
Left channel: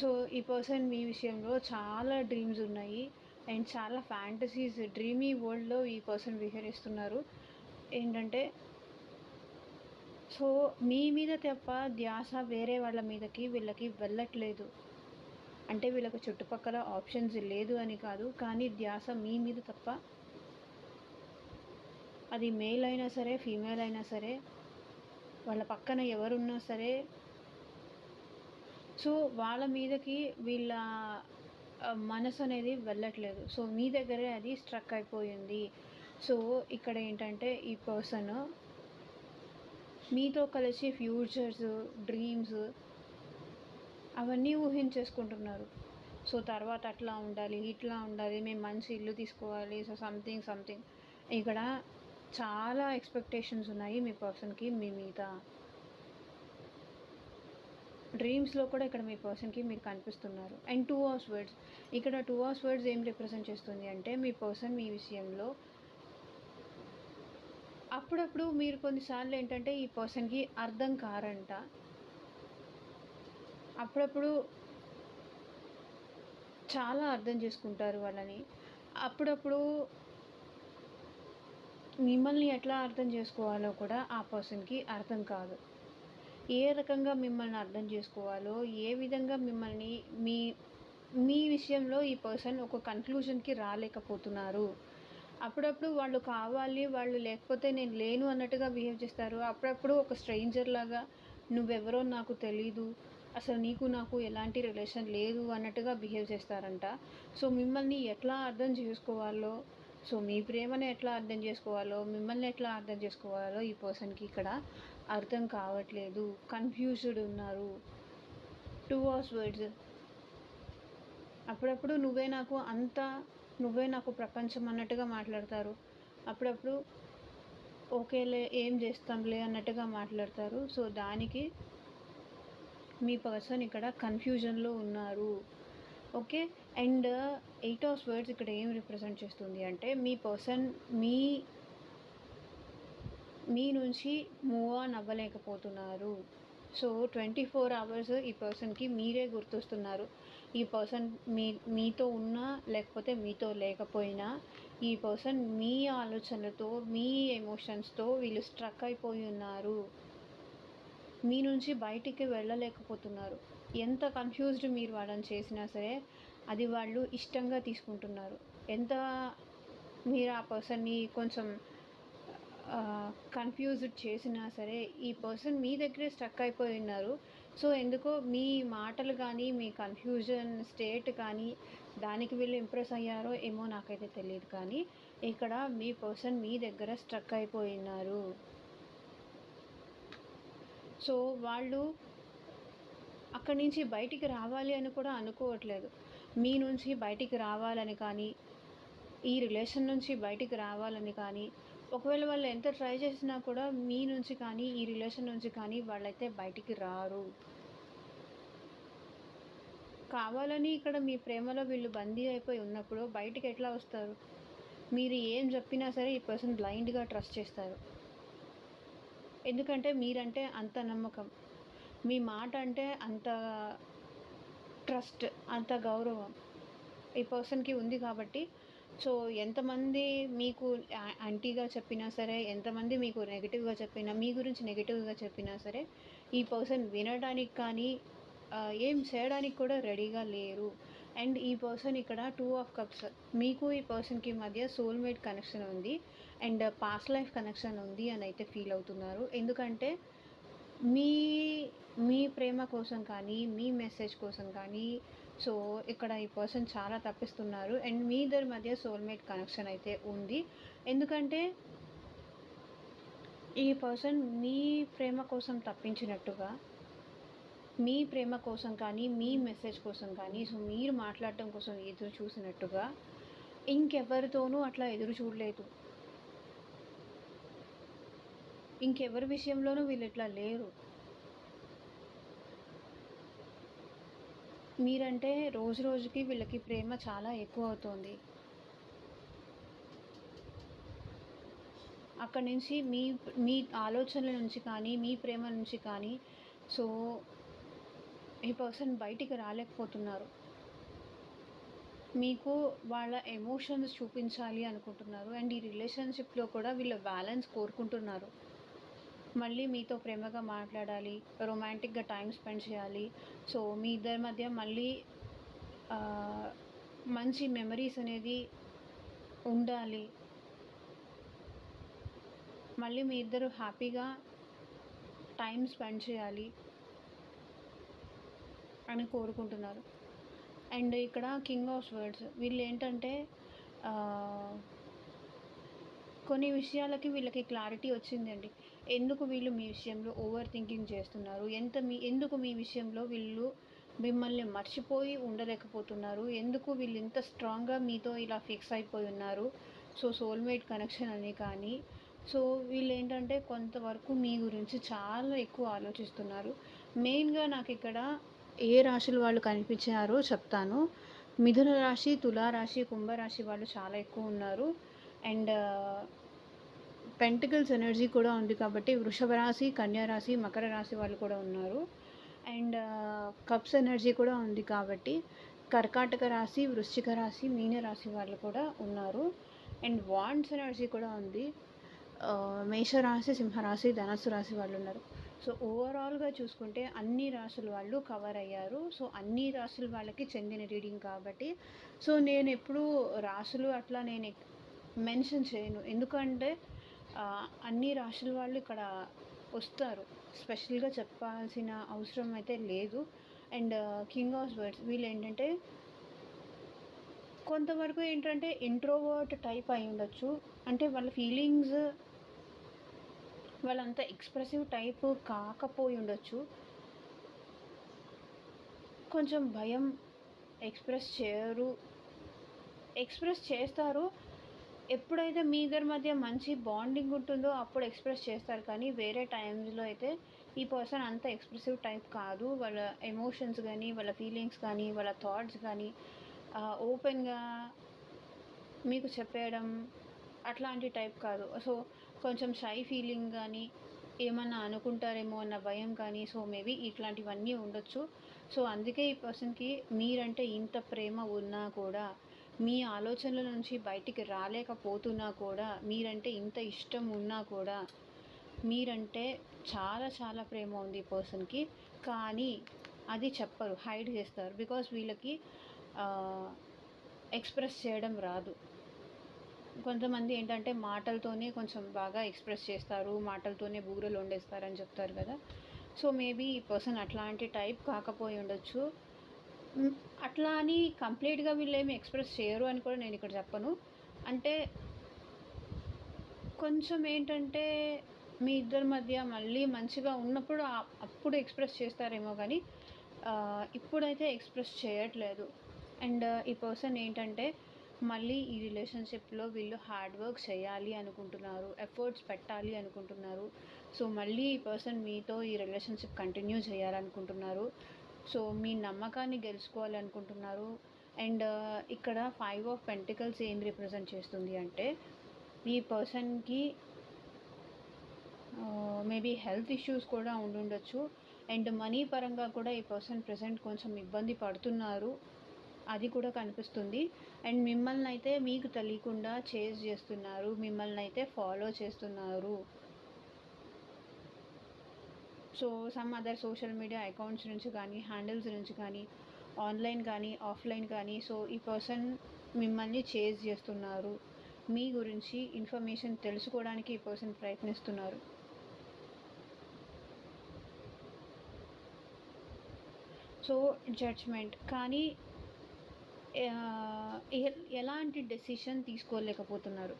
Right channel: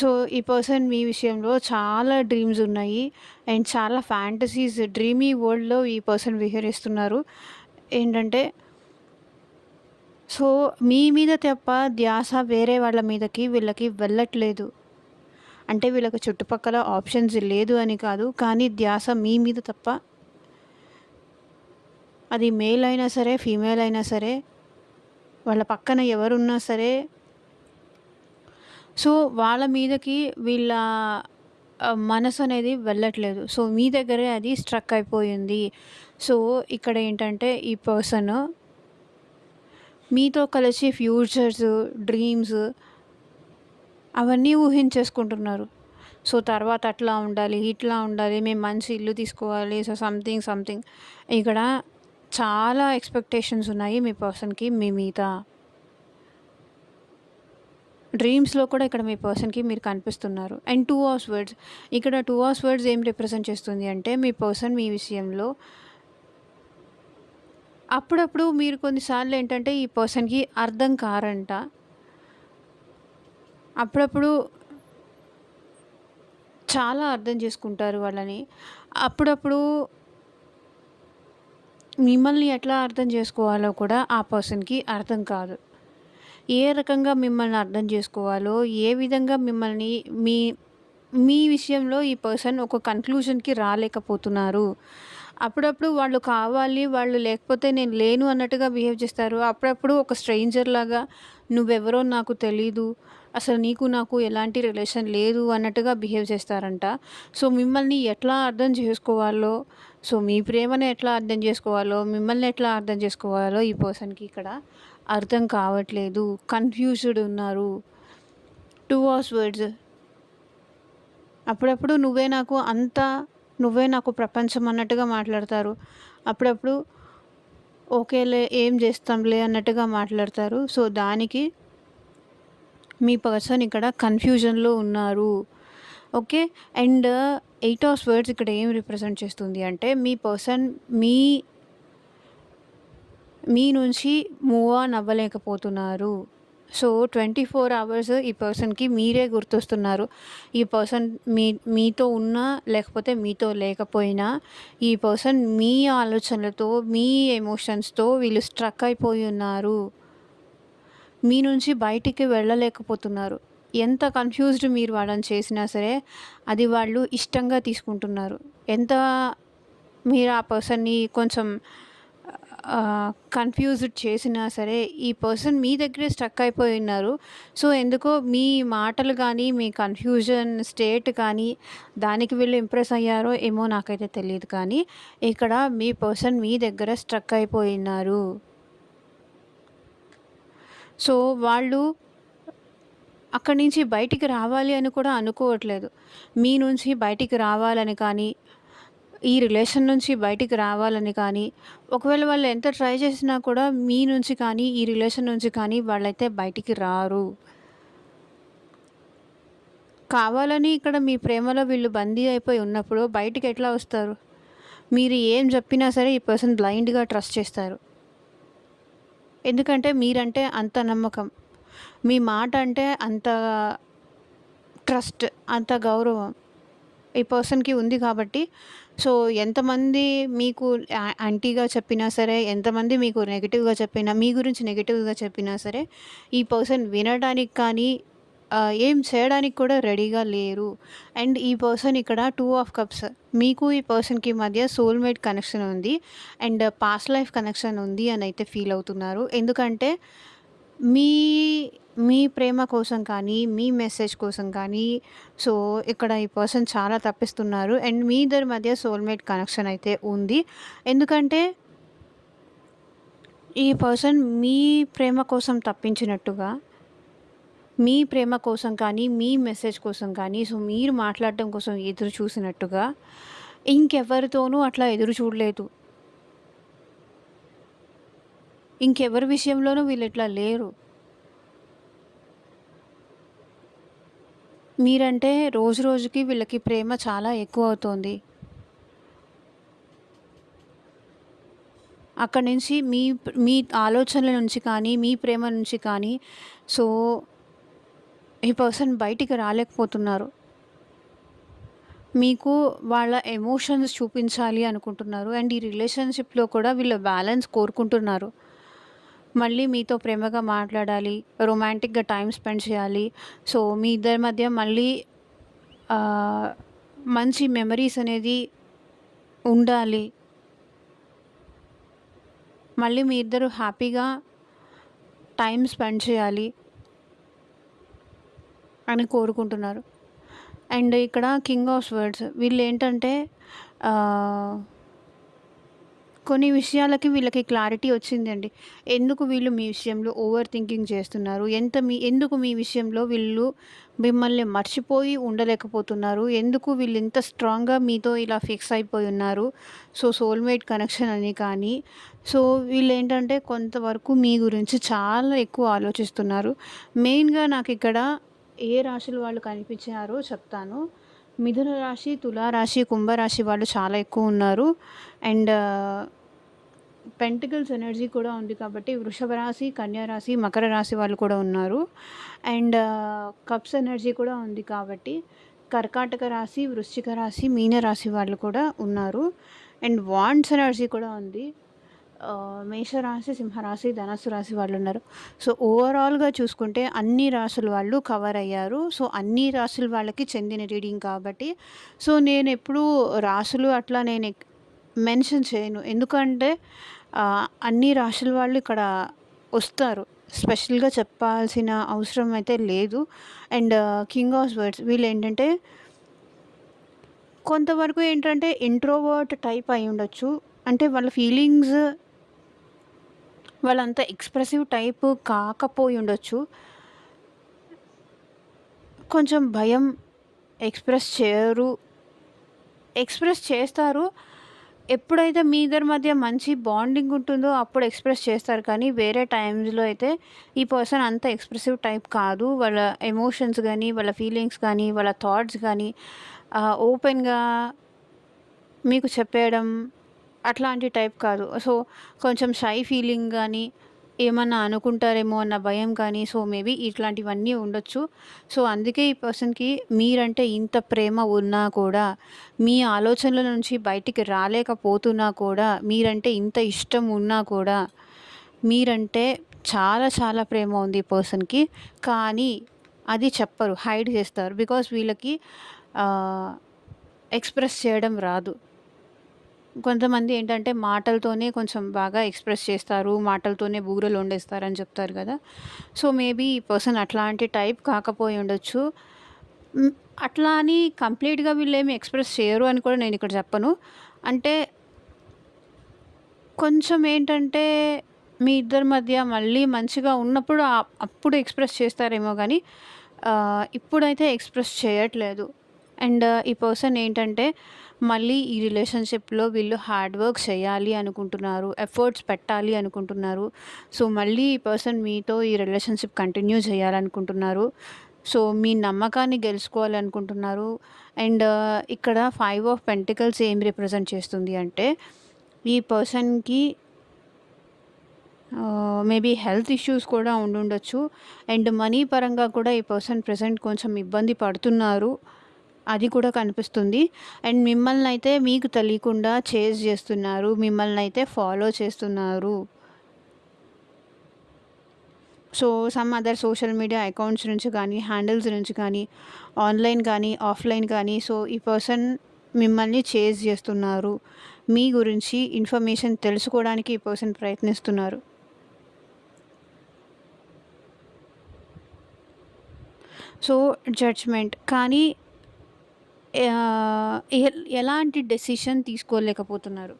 సో ఈ పర్సన్ మీ విషయంలో చాలా డ్రీమ్స్ ఉన్నాయి. అండ్ చాలా ఫ్యాంటసీస్ డ్రీమీ వరల్డ్‌లో ఈ పర్సన్ విహరిస్తున్నారు. ఏంటంటే సో మీ మీద తప్ప ధ్యాస వేరే వాళ్ళ మీదకి వీళ్ళకి వెళ్ళట్లేదు. అంటే వీళ్ళకి చుట్టుపక్కల ఆప్షన్స్ లేదు అని కాదు. కానీ ధ్యాస మీ మీద తప్ప, అది మేల్ అయినా సరే, ఫీమేల్ అయినా సరే, వాళ్ళ పక్కన ఎవరున్నా సరే, సో వాళ్ళ మీదకి వీళ్ళ మనసు అనేది వెళ్ళట్లేదు. సో మీ దగ్గరే అది స్ట్రక్ అయిపోయింది. సో ఇక్కడ ఏంటంటే ఈ పర్సన్ మీతో కలిసి ఫ్యూచర్స్, డ్రీమ్స్ అవన్నీ ఊహించేసుకుంటున్నారు. సో తర్వాత అట్లా ఉండాలి, ఇట్లా ఉండాలి, మేము మంచి ఇల్లు తీసుకోవాలి. సో సంథింగ్ ఇక్కడ చాలా ఎక్స్‌పెక్టేషన్స్ ఉన్నాయి మీ పర్సన్‌కి మీ మీద. డ్రీమ్స్‌లో కూడా ఇక్కడ మీ పర్సన్‌కి మీరు కనిపిస్తున్నారు. And 2 of swords. ఇక్కడ 2 ఆఫ్ స్వర్డ్స్ ఏం రిప్రజెంట్ చేస్తుంది అంటే మీ పర్సన్ మీ విషయంలో అప్పుడప్పుడు మీరు కొన్నిసార్లు ఏంటంటే ఈ పర్సన్‌కి అర్థం కారంట. అప్పుడప్పుడు చాలా అర్థం చేసుకుంటారు వాళ్ళని. అప్పుడప్పుడు మిమ్మల్ని ఎట్లా అర్థం చేసుకోవాలో కూడా ఆ పర్సన్‌కి అర్థం కాదు. ఏ రకంగా మిమ్మల్ని అర్థం చేసుకోవాలో, ఏ విధంగా మిమ్మల్ని మీ మీ విషయంలో ఈ పర్సన్ ఒక కన్క్లూజన్‌కి రాలేకపోతున్నారు అప్పుడప్పుడు వాళ్ళు కావాలి, వాళ్ళు లేకపోతే నేను లేను అన్నట్టుగా బిహేవ్ చేస్తారు. అప్పుడప్పుడు ఒక స్ట్రేంజర్‌లాగా నువ్వెవరో నాకు తెలీదు. అసలు నీకు నాకు ఎలాంటి రిలేషన్ లేదు అన్నట్టుగా బిహేవ్ చేస్తారంట. సో, మిమ్మల్ని ఎట్లా అర్థం చేసుకోవాలో, సో, మీ ప్రేమను ఎట్లా అర్థం చేసుకోవాలో, మిమ్మల్ని ఎట్లా అర్థం చేసుకోవాలో ఈ పర్సన్‌కి ఇక్కడ అర్థం కావట్లేదు. కన్‌ఫ్యూజ్డ్ ఉన్నారు. 2 అవర్స్ వర్డ్స్. అప్పుడప్పుడు నువ్వే నాకు ప్రపంచం అన్నట్టుగా మాట్లాడతారు. అప్పుడప్పుడు ఓకేలే ఏం చేస్తాంలే అన్నట్టుగా మాట్లాడతారు. సో, దానికి మీ పర్సన్ ఇక్కడ కన్‌ఫ్యూజన్‌లో ఉన్నారు. ఓకే. అండ్ 8 ఆఫ్ వర్డ్స్ ఇక్కడ ఏం రిప్రజెంట్ చేస్తుంది అంటే మీ పర్సన్ మీ మీ నుంచి మూవ్ ఆన్ అవ్వలేకపోతున్నారు. సో, 24 అవర్స్ ఈ పర్సన్‌కి మీరే గుర్తొస్తున్నారు. ఈ పర్సన్ మీతో ఉన్నా, లేకపోతే మీతో లేకపోయినా, ఈ పర్సన్ మీ ఆలోచనలతో, మీ ఎమోషన్స్‌తో వీళ్ళు స్ట్రక్ అయిపోయి ఉన్నారు. మీ నుంచి బయటికి వెళ్ళలేకపోతున్నారు. ఎంత కన్‌ఫ్యూజ్డ్ మీరు వాళ్ళని చేసినా సరే, అది వాళ్ళు ఇష్టంగా తీసుకుంటున్నారు. ఎంత మీరు ఆ పర్సన్‌ని కొంచెం కన్‌ఫ్యూజ్డ్ చేసినా సరే, ఈ పర్సన్ మీ దగ్గరే స్ట్రక్ అయిపోయి ఉన్నారు. సో, ఎందుకో మీ మాటలు గానీ, మీ కన్‌ఫ్యూజన్ స్టేట్ కానీ, దానికి వీళ్ళు ఇంప్రెస్ అయ్యారో ఏమో నాకైతే తెలీదు కానీ, ఇక్కడ మీ పర్సన్ మీ దగ్గర స్ట్రక్ అయిపోయి ఉన్నారు. సో, వాళ్ళు అక్కడి నుంచి బయటికి రావాలి అని కూడా అనుకోవట్లేదు. మీ నుంచి బయటికి రావాలని కానీ, ఈ రిలేషన్ నుంచి బయటికి రావాలని కానీ, ఒకవేళ వాళ్ళు ఎంత ట్రై చేసినా కూడా మీ నుంచి కానీ, ఈ రిలేషన్ నుంచి కానీ వాళ్ళైతే బయటికి రారు. కావాలని ఇక్కడ మీ ప్రేమలో వీళ్ళు బందీ అయిపోయి ఉన్నప్పుడు బయటికి ఎట్లా వస్తారు? మీరు ఏం చెప్పినా సరే ఈ పర్సన్ బ్లైండ్‌గా ట్రస్ట్ చేస్తారు. ఎందుకంటే మీరంటే అంత నమ్మకం. మీ మాట అంటే అంత ట్రస్ట్, అంత గౌరవం ఈ పర్సన్‌కి ఉంది కాబట్టి, సో, ఎంతమంది మీకు యాంటీగా చెప్పినా సరే, ఎంతమంది మీకు నెగెటివ్‌గా చెప్పినా, మీ గురించి నెగెటివ్‌గా చెప్పినా సరే, ఈ పర్సన్ వినడానికి కానీ, ఏం చేయడానికి కూడా రెడీగా లేరు. అండ్ ఈ పర్సన్ ఇక్కడ 2 ఆఫ్ కప్స్. మీకు ఈ పర్సన్‌కి మధ్య సోల్‌మేట్ కనెక్షన్ ఉంది. అండ్ పాస్ట్ లైఫ్ కనెక్షన్ ఉంది అని అయితే ఫీల్ అవుతున్నారు. ఎందుకంటే మీ మీ ప్రేమ కోసం కానీ, మీ మెసేజ్ కోసం కానీ, సో, ఇక్కడ ఈ పర్సన్ చాలా తప్పిస్తున్నారు. అండ్ మీ ఇద్దరి మధ్య సోల్‌మేట్ కనెక్షన్ అయితే ఉంది. ఎందుకంటే ఈ పర్సన్ మీ ప్రేమ కోసం తప్పించినట్టుగా, మీ ప్రేమ కోసం కానీ, మీ మెసేజ్ కోసం కానీ, సో, మీరు మాట్లాడటం కోసం ఎదురు చూసినట్టుగా ఇంకెవరితోనూ అట్లా ఎదురు చూడలేదు. ఇంకెవరి విషయంలోనూ వీళ్ళిట్లా లేరు. మీరంటే రోజు రోజుకి వీళ్ళకి ప్రేమ చాలా ఎక్కువవుతోంది. అక్కడి నుంచి మీ ఆలోచనల నుంచి కానీ, మీ ప్రేమ నుంచి కానీ, సో, ఈ పర్సన్ బయటికి రాలేకపోతున్నారు. మీకు వాళ్ళ ఎమోషన్స్ చూపించాలి అనుకుంటున్నారు. అండ్ ఈ రిలేషన్‌షిప్‌లో కూడా వీళ్ళు బ్యాలెన్స్ కోరుకుంటున్నారు. మళ్ళీ మీతో ప్రేమగా మాట్లాడాలి, రొమాంటిక్‌గా టైమ్ స్పెండ్ చేయాలి. సో, మీ ఇద్దరి మధ్య మళ్ళీ ఆహ్, మంచి మెమరీస్ అనేది ఉండాలి. మళ్ళీ మీ ఇద్దరు హ్యాపీగా టైమ్ స్పెండ్ చేయాలి అని కోరుకుంటున్నారు. అండ్ ఇక్కడ కింగ్ ఆఫ్ స్వర్డ్స్ వీళ్ళేంటంటే ఆహ్, కొన్ని విషయాలకి వీళ్ళకి క్లారిటీ వచ్చిందండి. ఎందుకు వీళ్ళు మీ విషయంలో ఓవర్ థింకింగ్ చేస్తున్నారు? ఎందుకు మీ విషయంలో వీళ్ళు మిమ్మల్ని మర్చిపోయి ఉండలేకపోతున్నారు? ఎందుకు వీళ్ళు ఇంత స్ట్రాంగ్‌గా మీతో ఇలా ఫిక్స్ అయిపోయి ఉన్నారు? సో, సోల్‌మేట్ కనెక్షన్ అని కానీ, సో, వీళ్ళేంటంటే కొంతవరకు మీ గురించి చాలా ఎక్కువ ఆలోచిస్తున్నారు. మెయిన్‌గా నాకిక్కడ ఏ రాశుల వాళ్ళు కనిపించారో చెప్తాను. మిథున రాశి, తులా రాశి, కుంభరాశి వాళ్ళు చాలా ఎక్కువ ఉన్నారు. అండ్ పెంటికల్స్ ఎనర్జీ కూడా ఉంది కాబట్టి వృషభ రాశి, కన్యా రాశి, మకర రాశి వాళ్ళు కూడా ఉన్నారు. అండ్ కప్స్ ఎనర్జీ కూడా ఉంది కాబట్టి కర్కాటక రాశి, వృశ్చిక రాశి, మీన రాశి వాళ్ళు కూడా ఉన్నారు. అండ్ వాండ్స్ ఎనర్జీ కూడా ఉంది. మేషరాశి, సింహరాశి, ధనస్సు రాశి వాళ్ళు ఉన్నారు. సో, ఓవరాల్‌గా చూసుకుంటే అన్ని రాశుల వాళ్ళు కవర్ అయ్యారు. సో, అన్ని రాశుల వాళ్ళకి చెందిన రీడింగ్ కాబట్టి, సో, నేనెప్పుడూ రాశులు అట్లా మెన్షన్ చేయను. ఎందుకంటే అన్ని రాశుల వాళ్ళు ఇక్కడ వస్తారు. స్పెషల్‌గా చెప్పాల్సిన అవసరం అయితే లేదు. అండ్ కింగ్ ఆఫ్ వర్డ్స్ వీళ్ళేంటంటే కొంతవరకు ఏంటంటే ఇంట్రోవర్ట్ టైప్ అయ్యుండొచ్చు. అంటే వాళ్ళ ఫీలింగ్స్ వాళ్ళంత ఎక్స్‌ప్రెసివ్ టైప్ కాకపోయుండొచ్చు. కొంచెం భయం, ఎక్స్‌ప్రెస్ చేయరు. ఎక్స్‌ప్రెస్ చేస్తారు. ఎప్పుడైతే మీ ఇద్దరి మధ్య మంచి బాండింగ్ ఉంటుందో అప్పుడు ఎక్స్‌ప్రెస్ చేస్తారు. కానీ వేరే టైమ్స్‌లో అయితే ఈ పర్సన్ అంత ఎక్స్‌ప్రెసివ్ టైప్ కాదు. వాళ్ళ ఎమోషన్స్ గానీ, వాళ్ళ ఫీలింగ్స్ గానీ, వాళ్ళ థాట్స్ గానీ ఓపెన్‌గా మీకు చెప్పేయడం అట్లాంటి టైప్ కాదు. సో, కొంచెం షై ఫీలింగ్ గానీ, ఏమన్నా అనుకుంటారేమో అన్న భయం కానీ, సో, మేబీ ఇట్లాంటివన్నీ ఉండొచ్చు. సో, అందుకే ఈ పర్సన్‌కి మీరంటే ఇంత ప్రేమ ఉన్నా కూడా, మీ ఆలోచనల నుంచి బయటికి రాలేకపోతున్నా కూడా, మీరంటే ఇంత ఇష్టం ఉన్నా కూడా, మీరంటే చాలా చాలా ప్రేమ ఉంది ఈ పర్సన్‌కి. కానీ అది చెప్పరు. హైడ్ చేస్తారు. బికాజ్ వీళ్ళకి ఆహ్, ఎక్స్‌ప్రెస్ చేయడం రాదు. కొంతమంది ఏంటంటే మాటలతోనే కొంచెం బాగా ఎక్స్‌ప్రెస్ చేస్తారు. మాటలతోనే బూరెలొండేస్తారని చెప్తారు కదా! సో, మేబీ ఈ పర్సన్ అట్లాంటి టైప్ కాకపోయి ఉండొచ్చు. హ్మ్. అట్లా అని కంప్లీట్‌గా వీళ్ళేమి ఎక్స్‌ప్రెస్ చేయరు అని కూడా నేనిక్కడ చెప్పను. అంటే కొంచెం ఏంటంటే మీ ఇద్దరి మధ్య మళ్ళీ మంచిగా ఉన్నప్పుడు అప్పుడు ఎక్స్‌ప్రెస్ చేస్తారేమో గానీ ఇప్పుడైతే ఎక్స్‌ప్రెస్ చేయట్లేదు. అండ్ ఈ పర్సన్ ఏంటంటే మళ్ళీ ఈ రిలేషన్‌షిప్‌లో వీళ్ళు హార్డ్ వర్క్ చేయాలి అనుకుంటున్నారు. ఎఫర్ట్స్ పెట్టాలి అనుకుంటున్నారు. సో, మళ్ళీ ఈ పర్సన్ మీతో ఈ రిలేషన్‌షిప్ కంటిన్యూ చేయాలనుకుంటున్నారు. సో, మీ నమ్మకాన్ని గెలుచుకోవాలనుకుంటున్నారు. అండ్ ఇక్కడ 5 ఆఫ్ పెంటికల్స్ ఏం రిప్రజెంట్ చేస్తుంది అంటే ఈ పర్సన్‌కి మేబీ హెల్త్ ఇష్యూస్ కూడా ఉండుండొచ్చు. అండ్ మనీ పరంగా కూడా ఈ పర్సన్ ప్రెజెంట్ కొంచెం ఇబ్బంది పడుతున్నారు. అది కూడా కనిపిస్తుంది. అండ్ మిమ్మల్నయితే మీకు తెలియకుండా చేజ్ చేస్తున్నారు. మిమ్మల్నయితే ఫాలో చేస్తున్నారు. So, some other social media accounts నుంచి కానీ, హ్యాండిల్స్ నుంచి కానీ, ఆన్‌లైన్ కానీ, ఆఫ్‌లైన్ కానీ సో, ఈ పర్సన్ మిమ్మల్ని చేజ్ చేస్తున్నారు. మీ గురించి ఇన్ఫర్మేషన్ తెలుసుకోవడానికి ఈ పర్సన్ ప్రయత్నిస్తున్నారు. సో, జడ్జ్‌మెంట్ కానీ ఎలాంటి డెసిషన్ తీసుకోలేకపోతున్నారు.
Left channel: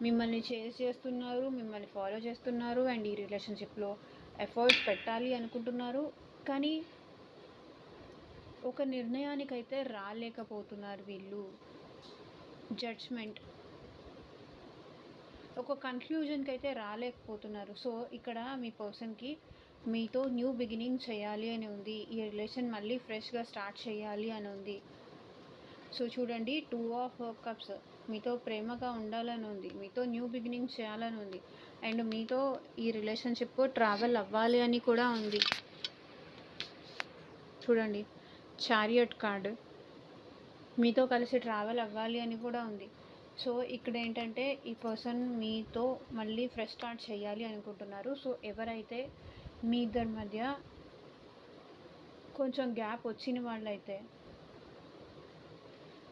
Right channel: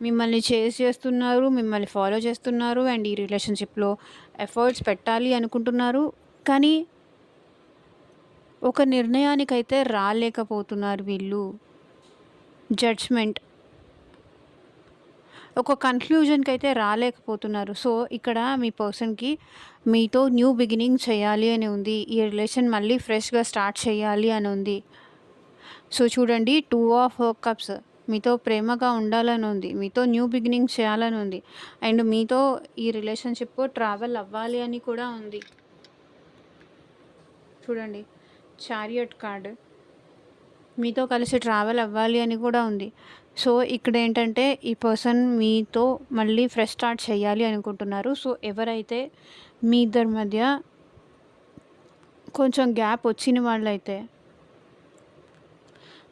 మిమ్మల్ని చేజ్ చేస్తున్నారు. మిమ్మల్ని ఫాలో చేస్తున్నారు. అండ్ ఈ రిలేషన్‌షిప్‌లో ఎఫర్ట్స్ పెట్టాలి అనుకుంటున్నారు. కానీ ఒక నిర్ణయానికైతే రాలేకపోతున్నారు వీళ్ళు. జడ్జ్‌మెంట్ ఒక కన్క్లూజన్‌కైతే రాలేకపోతున్నారు. సో, ఇక్కడ మీ పర్సన్‌కి మీతో న్యూ బిగినింగ్ చేయాలి అని ఉంది. ఈ రిలేషన్ మళ్ళీ ఫ్రెష్‌గా స్టార్ట్ చేయాలి అని ఉంది. సో, చూడండి 2 ఆఫ్ కప్స్ మీతో ప్రేమగా ఉండాలని ఉంది. మీతో న్యూ బిగినింగ్ చేయాలని ఉంది. అండ్ మీతో ఈ రిలేషన్‌షిప్ ట్రావెల్ అవ్వాలి అని కూడా ఉంది. చూడండి చారియట్ కార్డ్ మీతో కలిసి ట్రావెల్ అవ్వాలి అని కూడా ఉంది. సో, ఇక్కడేంటంటే ఈ పర్సన్ మీతో మళ్ళీ ఫ్రెష్ స్టార్ట్ చేయాలి అనుకుంటున్నారు. సో, ఎవరైతే మీ ఇద్దరి మధ్య కొంచెం గ్యాప్ వచ్చిన వాళ్ళైతే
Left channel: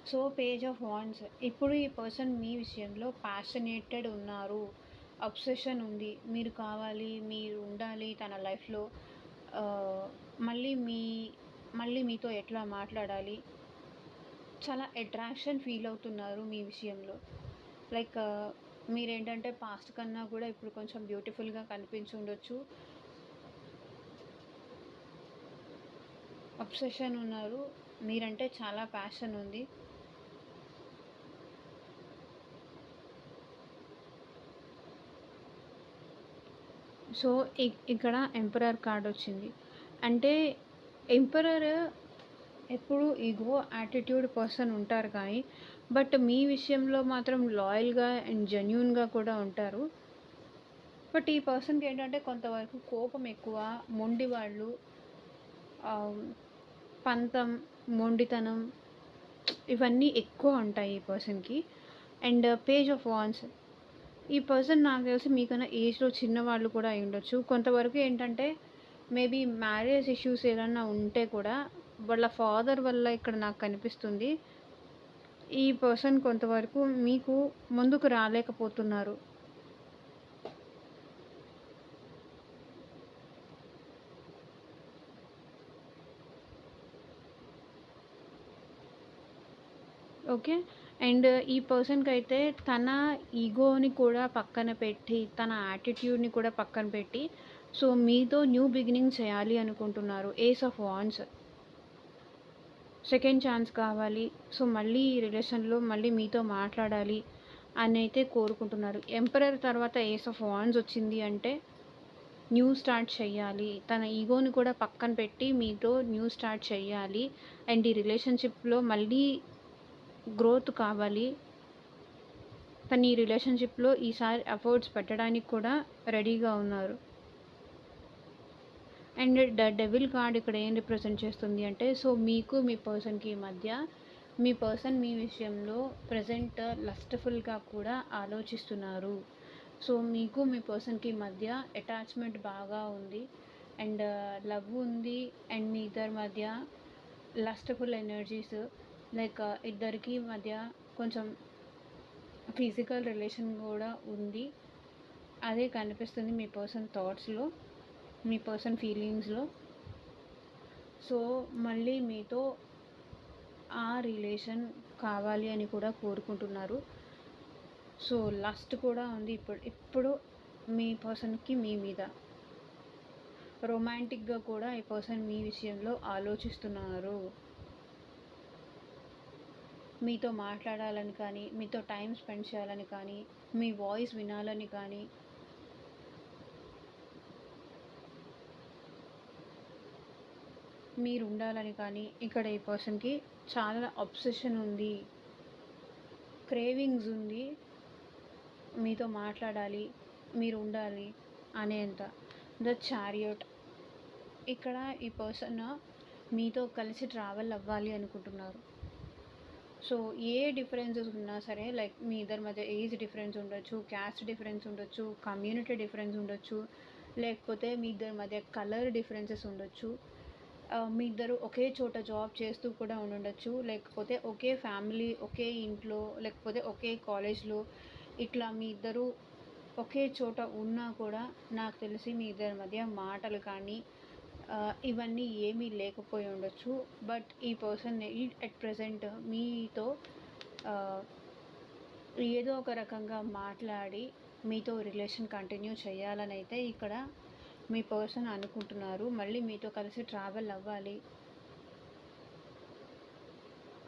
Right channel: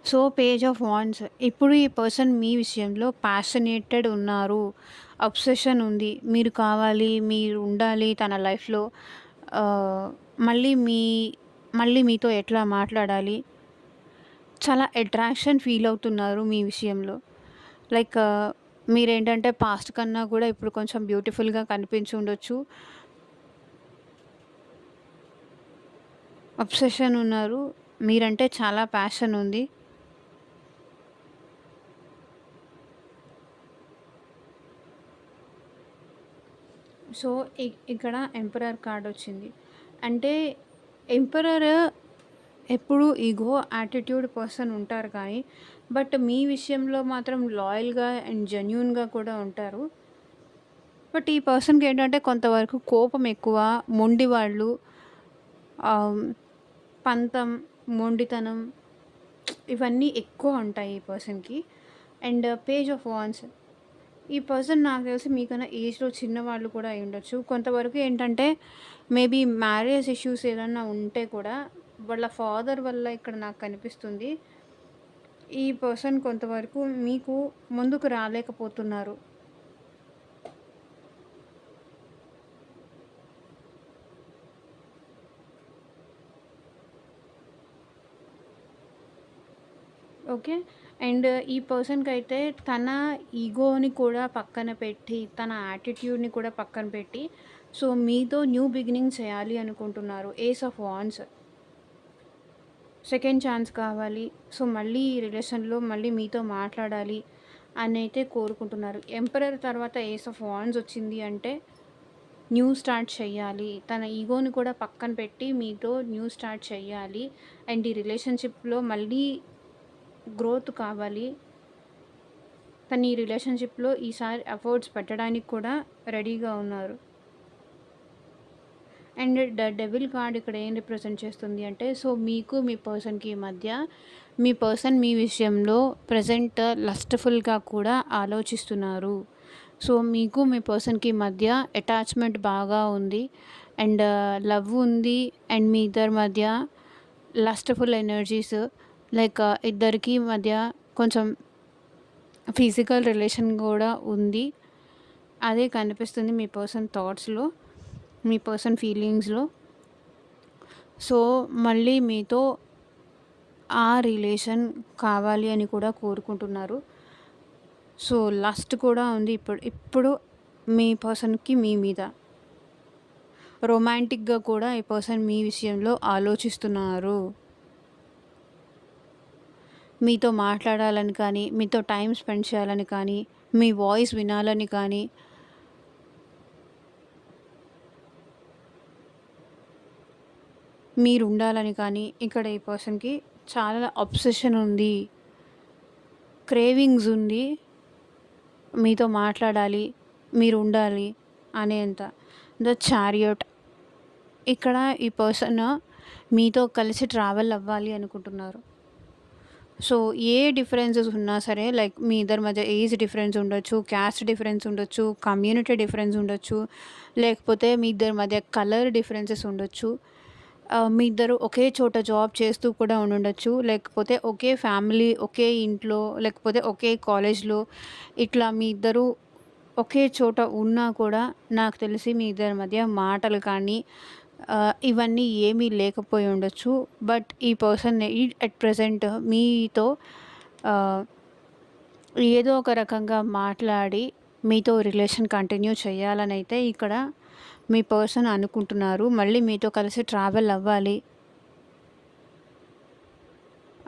సో, పేజ్ ఆఫ్ వాండ్స్ ఇప్పుడు ఈ పర్సన్ మీ విషయంలో ప్యాషనేటెడ్ ఉన్నారు. అబ్సెషన్ ఉంది. మీరు కావాలి, మీరు ఉండాలి తన లైఫ్‌లో. ఆహ్, మళ్ళీ మీ మళ్ళీ మీతో ఎట్లా మాట్లాడాలి చాలా అట్రాక్షన్ ఫీల్ అవుతున్నారు మీ విషయంలో. లైక్ మీరేంటంటే పాస్ట్ కన్నా కూడా ఇప్పుడు కొంచెం బ్యూటిఫుల్‌గా కనిపించి ఉండొచ్చు. అబ్సెషన్ ఉన్నారు. మీరంటే చాలా ప్యాషన్ ఉంది. సో, ఇక్కడ ఎంపరర్ కార్డ్ వచ్చింది. అంటే ఎంపరర్ ఎప్పుడు ఈగో, యాటిట్యూడ్ పర్సన్ ఉంటారు కానీ, బట్ మీ విషయంలో మాత్రం లాయల్‌గా అండ్ జెన్యూన్‌గా కూడా ఉంటారు. బట్ ఈ పర్సన్‌కి ఏంటంటే కొంతవరకు కోపం ఎక్కువ, మొండివాళ్ళు, ఆహ్, పంతం, మొండితనం ఇవన్నీ ఎక్కువ ఉంటాయి ఈ పర్సన్‌కి. అండ్ పేజ్ ఆఫ్ వాండ్స్ ఈ పర్సన్ నాకు తెలిసి మీకన్నా ఏజ్‌లో చిన్నవాళ్ళు కూడా అయ్యుండొచ్చు. కొంతవరకు ఏంటంటే మేబీ మ్యారేజ్ ఇష్యూస్ ఏదన్నా ఉంటే కూడా వాళ్ళ ఫాదర్ వల్ల ఇక్కడ నాకు కనిపిస్తుంది. ఈ పర్సన్ కొంతవరకు మీకు ముందుకు రాలేకపోతున్నారు. ఓకే. అండ్ ఈ పర్సన్‌కైతే తన ఈగోని కూడా పక్కన పెట్టి, తన యాటిట్యూడ్‌ని కూడా పక్కన పెట్టి, సో, మీతో న్యూ బిగినింగ్ చేయాలి అనుకుంటున్నారు. Ace of wands. Second chance కావాలి. సో, మళ్ళీ ఈ రిలేషన్‌లో మళ్ళీ మీతో మాట్లాడాలి అనైతే కోరుకుంటున్నారు. ఎంపరర్ తర్వాత ఏస్ ఆఫ్ వాండ్స్ వచ్చింది అంటే న్యూ స్టార్ట్ చేయాలి. తన ఈగోని కూడా పక్కన పెట్టి మీతో న్యూ స్టార్ట్ చేయాలి. అండ్ ఈ రిలేషన్‌షిప్‌లో మళ్ళీ గ్రోత్ కావాలి. తను ఈ రిలేషన్‌షిప్‌లో ఈసారి ఎఫర్ట్స్ పెట్టడానికి కూడా రెడీగా ఉన్నారు. అండ్ ద డెవిల్ కార్డ్ ఇక్కడ ఏం రిప్రజెంట్ చేస్తుంది అంటే, సో, మీకు మీ పర్సన్‌కి మధ్య మీ పర్సన్ మీ విషయంలో ప్రెజెంట్ లస్ట్‌ఫుల్‌గా కూడా ఆలోచిస్తున్నారు. సో, మీకు మీ పర్సన్‌కి మధ్య అటాచ్‌మెంట్ బాగా ఉంది. అండ్ లవ్ ఉంది. అండ్ మీ ఇద్దరి మధ్య లస్ట్‌ఫుల్ ఎనర్జీస్ లైక్ ఇద్దరికీ మధ్య కొంచెం ఫిజికల్ రిలేషన్ కూడా ఉంది. అదే కనిపిస్తుంది మీ పర్సన్ థాట్స్‌లో, మీ పర్సన్ ఫీలింగ్స్‌లో. సో, మళ్ళీ మీతో ఆ రిలేషన్ కావాలి అని కూడా కోరుకుంటున్నారు. సో, లస్ట్ కూడా ఉంది ఇప్పుడు మీ పర్సన్‌కి మీ మీద. రొమాంటిక్‌గా కూడా ఈ పర్సన్ మీ విషయంలో ఆలోచిస్తున్నారు. మీతో మాట్లాడాలని కానీ, మీతో టైం స్పెండ్ చేయాలని కానీ, మీ వాయిస్ వినాలని కానీ, మీరు ఉండాలని కానీ, ఇక్కడ ఈ పర్సన్‌కి చాలా అబ్సెషన్ ఉంది. క్రేవింగ్స్ ఉంది. మీతో మాట్లాడాలి, మీరు ఉండాలి అనేంత. The chariot. ఇక్కడ ఈ పర్సన్ మీతో కలిసి ట్రావెల్ అవ్వాలి అనుకుంటున్నారు. సో, ఏ డిఫరెన్సెస్ ఉన్నా సరే, లైక్ మీ ఇద్దరి మధ్య ఏజ్ డిఫరెన్స్ ఉండొచ్చు, క్యాస్ట్ డిఫరెన్స్ ఉండొచ్చు, కమ్యూనిటీ డిఫరెన్స్ ఉండొచ్చు, లేకపోతే మీ ఇద్దరి మధ్య కలర్ డిఫరెన్సెస్ ఉండొచ్చు. మీ ఇద్దరు ఒకే చోట జాబ్ చేస్తూ కూడా ఉండుండొచ్చు. లేకపోతే ఒకే ఫ్యామిలీ, ఒకే ఇంట్లో, లేకపోతే ఒకే కాలేజ్‌లో ఇట్లా మీ ఇద్దరు ఒకే చోట ఉన్నా కూడా నాకు తెలిసి మీ ఇద్దరి మధ్య మాటలు కానీ ఇవన్నీ ఏమీ లేకపోయి ఉండొచ్చు. బట్ ఈ పర్సన్ అట్ ప్రెజెంట్ మీతో ఆహ్, ఏదో ఒక రకంగా మాట్లాడి మీతో రిలేషన్ కంటిన్యూ చేయాలనైతే ఇక్కడ మీ పర్సన్ అనుకుంటున్నారు. మళ్ళీ మీతో కలిసి ట్రావెల్ అవ్వాలి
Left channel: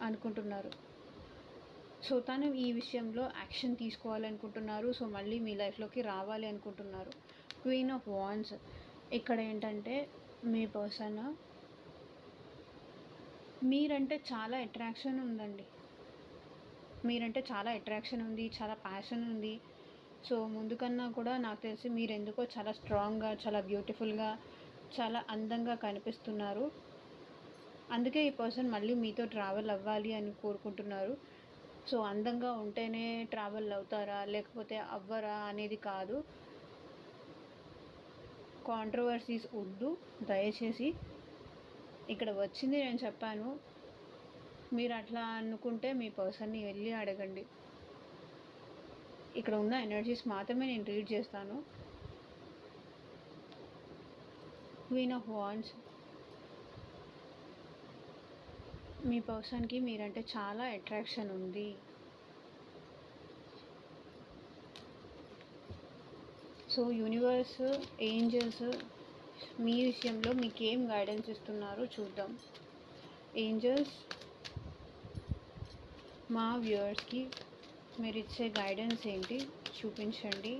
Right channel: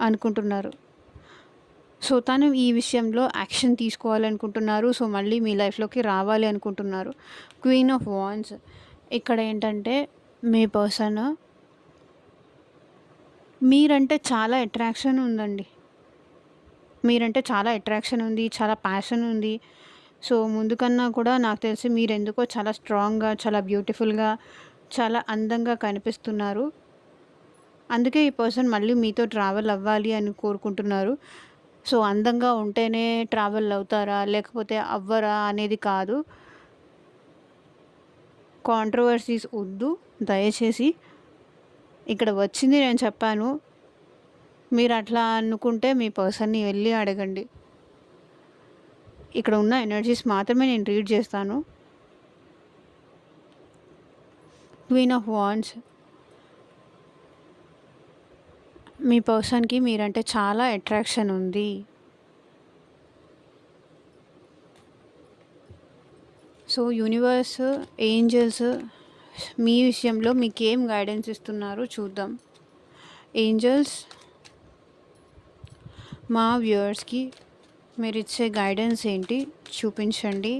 అనుకుంటున్నారు. సో, తను ఈ విషయంలో యాక్షన్ తీసుకోవాలనుకుంటున్నారు. సో, మళ్ళీ మీ లైఫ్‌లోకి రావాలి అనుకుంటున్నారు. Queen of wands. ఇక్కడ ఏంటంటే మీ పర్సన్ మీరంటే చాలా అట్రాక్షన్ ఉందండి. మీరంటే చాలా అట్రాక్షన్ ఉంది. చాలా ప్యాషన్ ఉంది. సో, ముందు కన్నా కూడా నాకు తెలిసి మీరెందుకో చాలా స్ట్రాంగ్‌గా, చాలా బ్యూటిఫుల్‌గా, చాలా అందంగా కనిపిస్తున్నారు. అందుకే ఈ పర్సన్ మళ్ళీ మీతో ట్రావెల్ అవ్వాలి అని కోరుకుంటున్నారు. సో, అందంగా ఉంటేనే ట్రావెల్ అవుతారా? లేకపోతే అవ్వరా? అనేది కాదు. కాంట్రోవర్సీస్ వద్దు దయచేసి. ఇక్కడ వచ్చింది నేను చెప్పాను. మీరు అట్లా అనుకుంటే మీ పర్సన్‌ని వెళ్లి అడగండి. ఇక్కడ ఉన్న ఎనర్జీస్ మాత్రమే నేను రీడ్ చేస్తాను. Queen of wands. మీ పర్సన్‌కి మీరంటే చాలా అట్రాక్షన్ ఉంది. సో, యూనివర్స్, ఏంజెల్స్ మీ విషయంలో మీకేం గైడెన్స్ ఇస్తున్నారో చూద్దాం. ఏంజెల్స్ మా వ్యూవర్స్‌కి మీరిచ్చే గైడెన్స్ ఏంటి చూపించండి.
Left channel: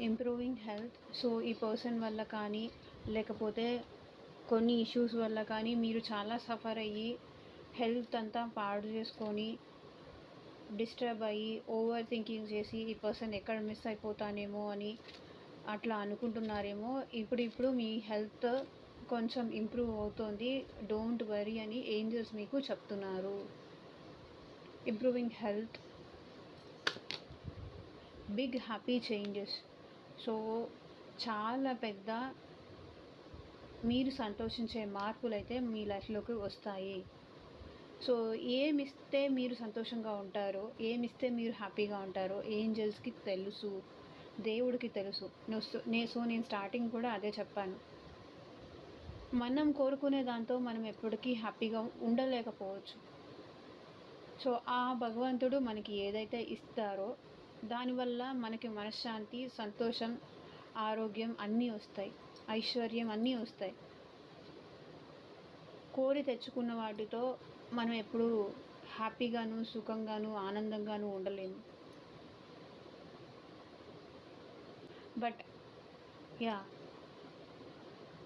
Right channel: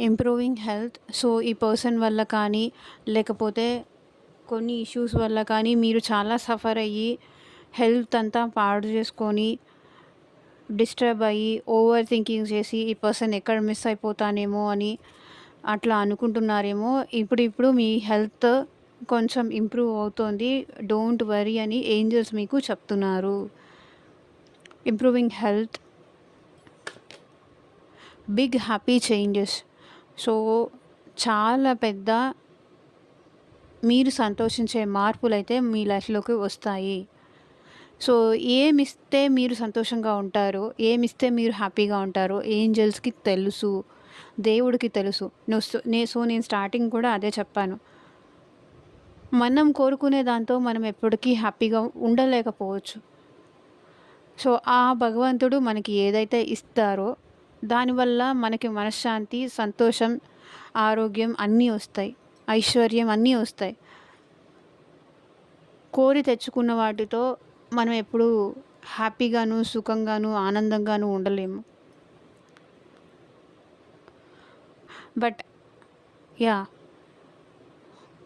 Improving health. సో, ఈ పర్సన్ వల్ల కానీ, లేకపోతే కొన్ని ఇష్యూస్ వల్ల కానీ మీరు చాలా సఫర్ అయ్యి హెల్త్ అంతా పాడు చేసుకొని, డిస్టర్బ్ అయ్యి, ఓవర్ థింకింగ్ చేసి ఈ పర్సన్ ఎక్కడ మిస్ అయిపోతానేమో అని అట్లా అనుకుంటున్నారేమో. ఇప్పుడు మీ హెల్త్ కొంచెం ఇంప్రూవ్ అవుతోంది. డోంట్ వరీ అని ఏంజెల్స్ మీకు చెప్తున్నారు. Improving health, big happy changes. So, చాలా పెద్ద మీరు సంతోషించే మార్పులైతే మీ లైఫ్‌లోకి వస్తాయి. సో, ఏమిస్తే మీరు సంతోషంగా ఉంటారో, ఏమిస్తే మీరు హ్యాపీగా ఉంటారో ఏంజెల్స్‌కి తెలుసు. దేవుడికి తెలుసు. నేను స్టార్టింగ్ కూడా అదే చెప్పాను. మనం కోరుకునే దాంతో మనం ఎప్పటికీ హ్యాపీగా ఉండలేకపోవచ్చు. సో, ఆ భగవంతుడు మనకి ఏదైతే ఇస్తారో దానివల్ల మనకి మనశ్శాంతి, సంతోషం, ఆరోగ్యం అన్నీ ఒస్తాయి. ఐశ్వర్యం అన్నీ ఒస్తాయి. కోరి తెచ్చుకున్న వాటితో మనం ఎప్పుడూ హ్యాపీగాను, సుఖంగాను, ఆనందంగాను ఉండలేము. But yeah!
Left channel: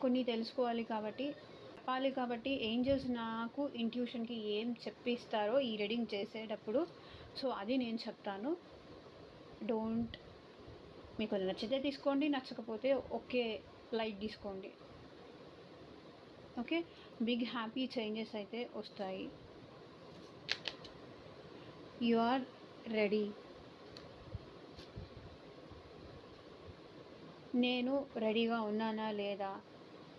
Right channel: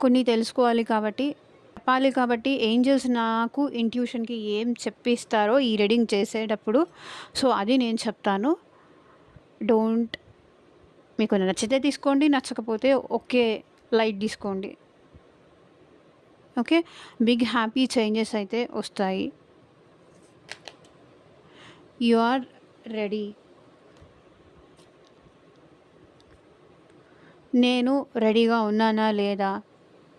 కొన్ని తెలుసుకోవాలి కాబట్టి, చెప్పాలి కాబట్టి ఏంజెల్స్ నాకు ఇంట్యూషన్‌కి ఏం చెప్పిస్తారో ఈ రీడింగ్ చేసేటప్పుడు, సో, అది నేను చెప్తాను. డోంట్ మీకు నచ్చితే తీసుకోండి. నచ్చకపోతే ఓకే. లైట్ తీసుకోండి. ఓకే. బిగ్ హ్యాపీ చేంజెస్ అయితే వస్తాయి. You are ready. నేను రెడీగా ఉన్నానా లేదా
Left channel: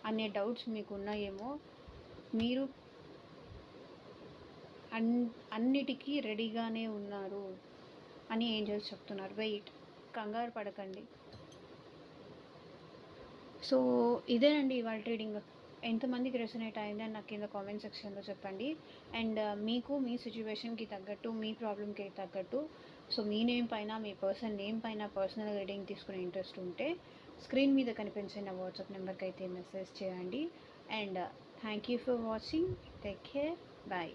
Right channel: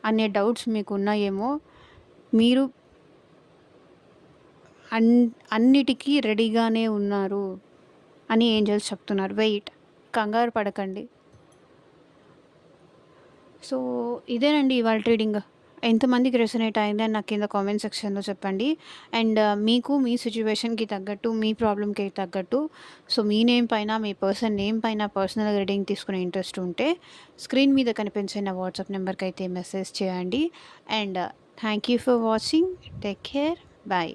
అనే డౌట్స్ మీకున్నాయేమో. మీరు అన్ అన్నిటికీ రెడీగానే ఉన్నారు అని ఏంజెల్స్ చెప్తున్నారు. వెయిట్. కంగారు పడకండి. సో, ఇదేనండి ఇవాళ రీడింగ్. ఎంతమందికి రెసొనేట్ అయిందని నాకు కింద కామెంట్ సెక్షన్‌లో చెప్పండి. అండ్ మీకు మీ సిట్యుయేషన్‌కి తగ్గట్టు, మీ ప్రాబ్లమ్‌కి తగ్గట్టు సో, మీ నేమ్ పైన, మీ పర్సన్ నేమ్ పైన పర్సనల్ రీడింగ్ తీసుకునే ఇంట్రెస్ట్ ఉంటే స్క్రీన్ మీద కనిపించే నా వాట్సాప్ నెంబర్‌కైతే మెసేజ్ చేయండి. And thank you for watching. Take care. By.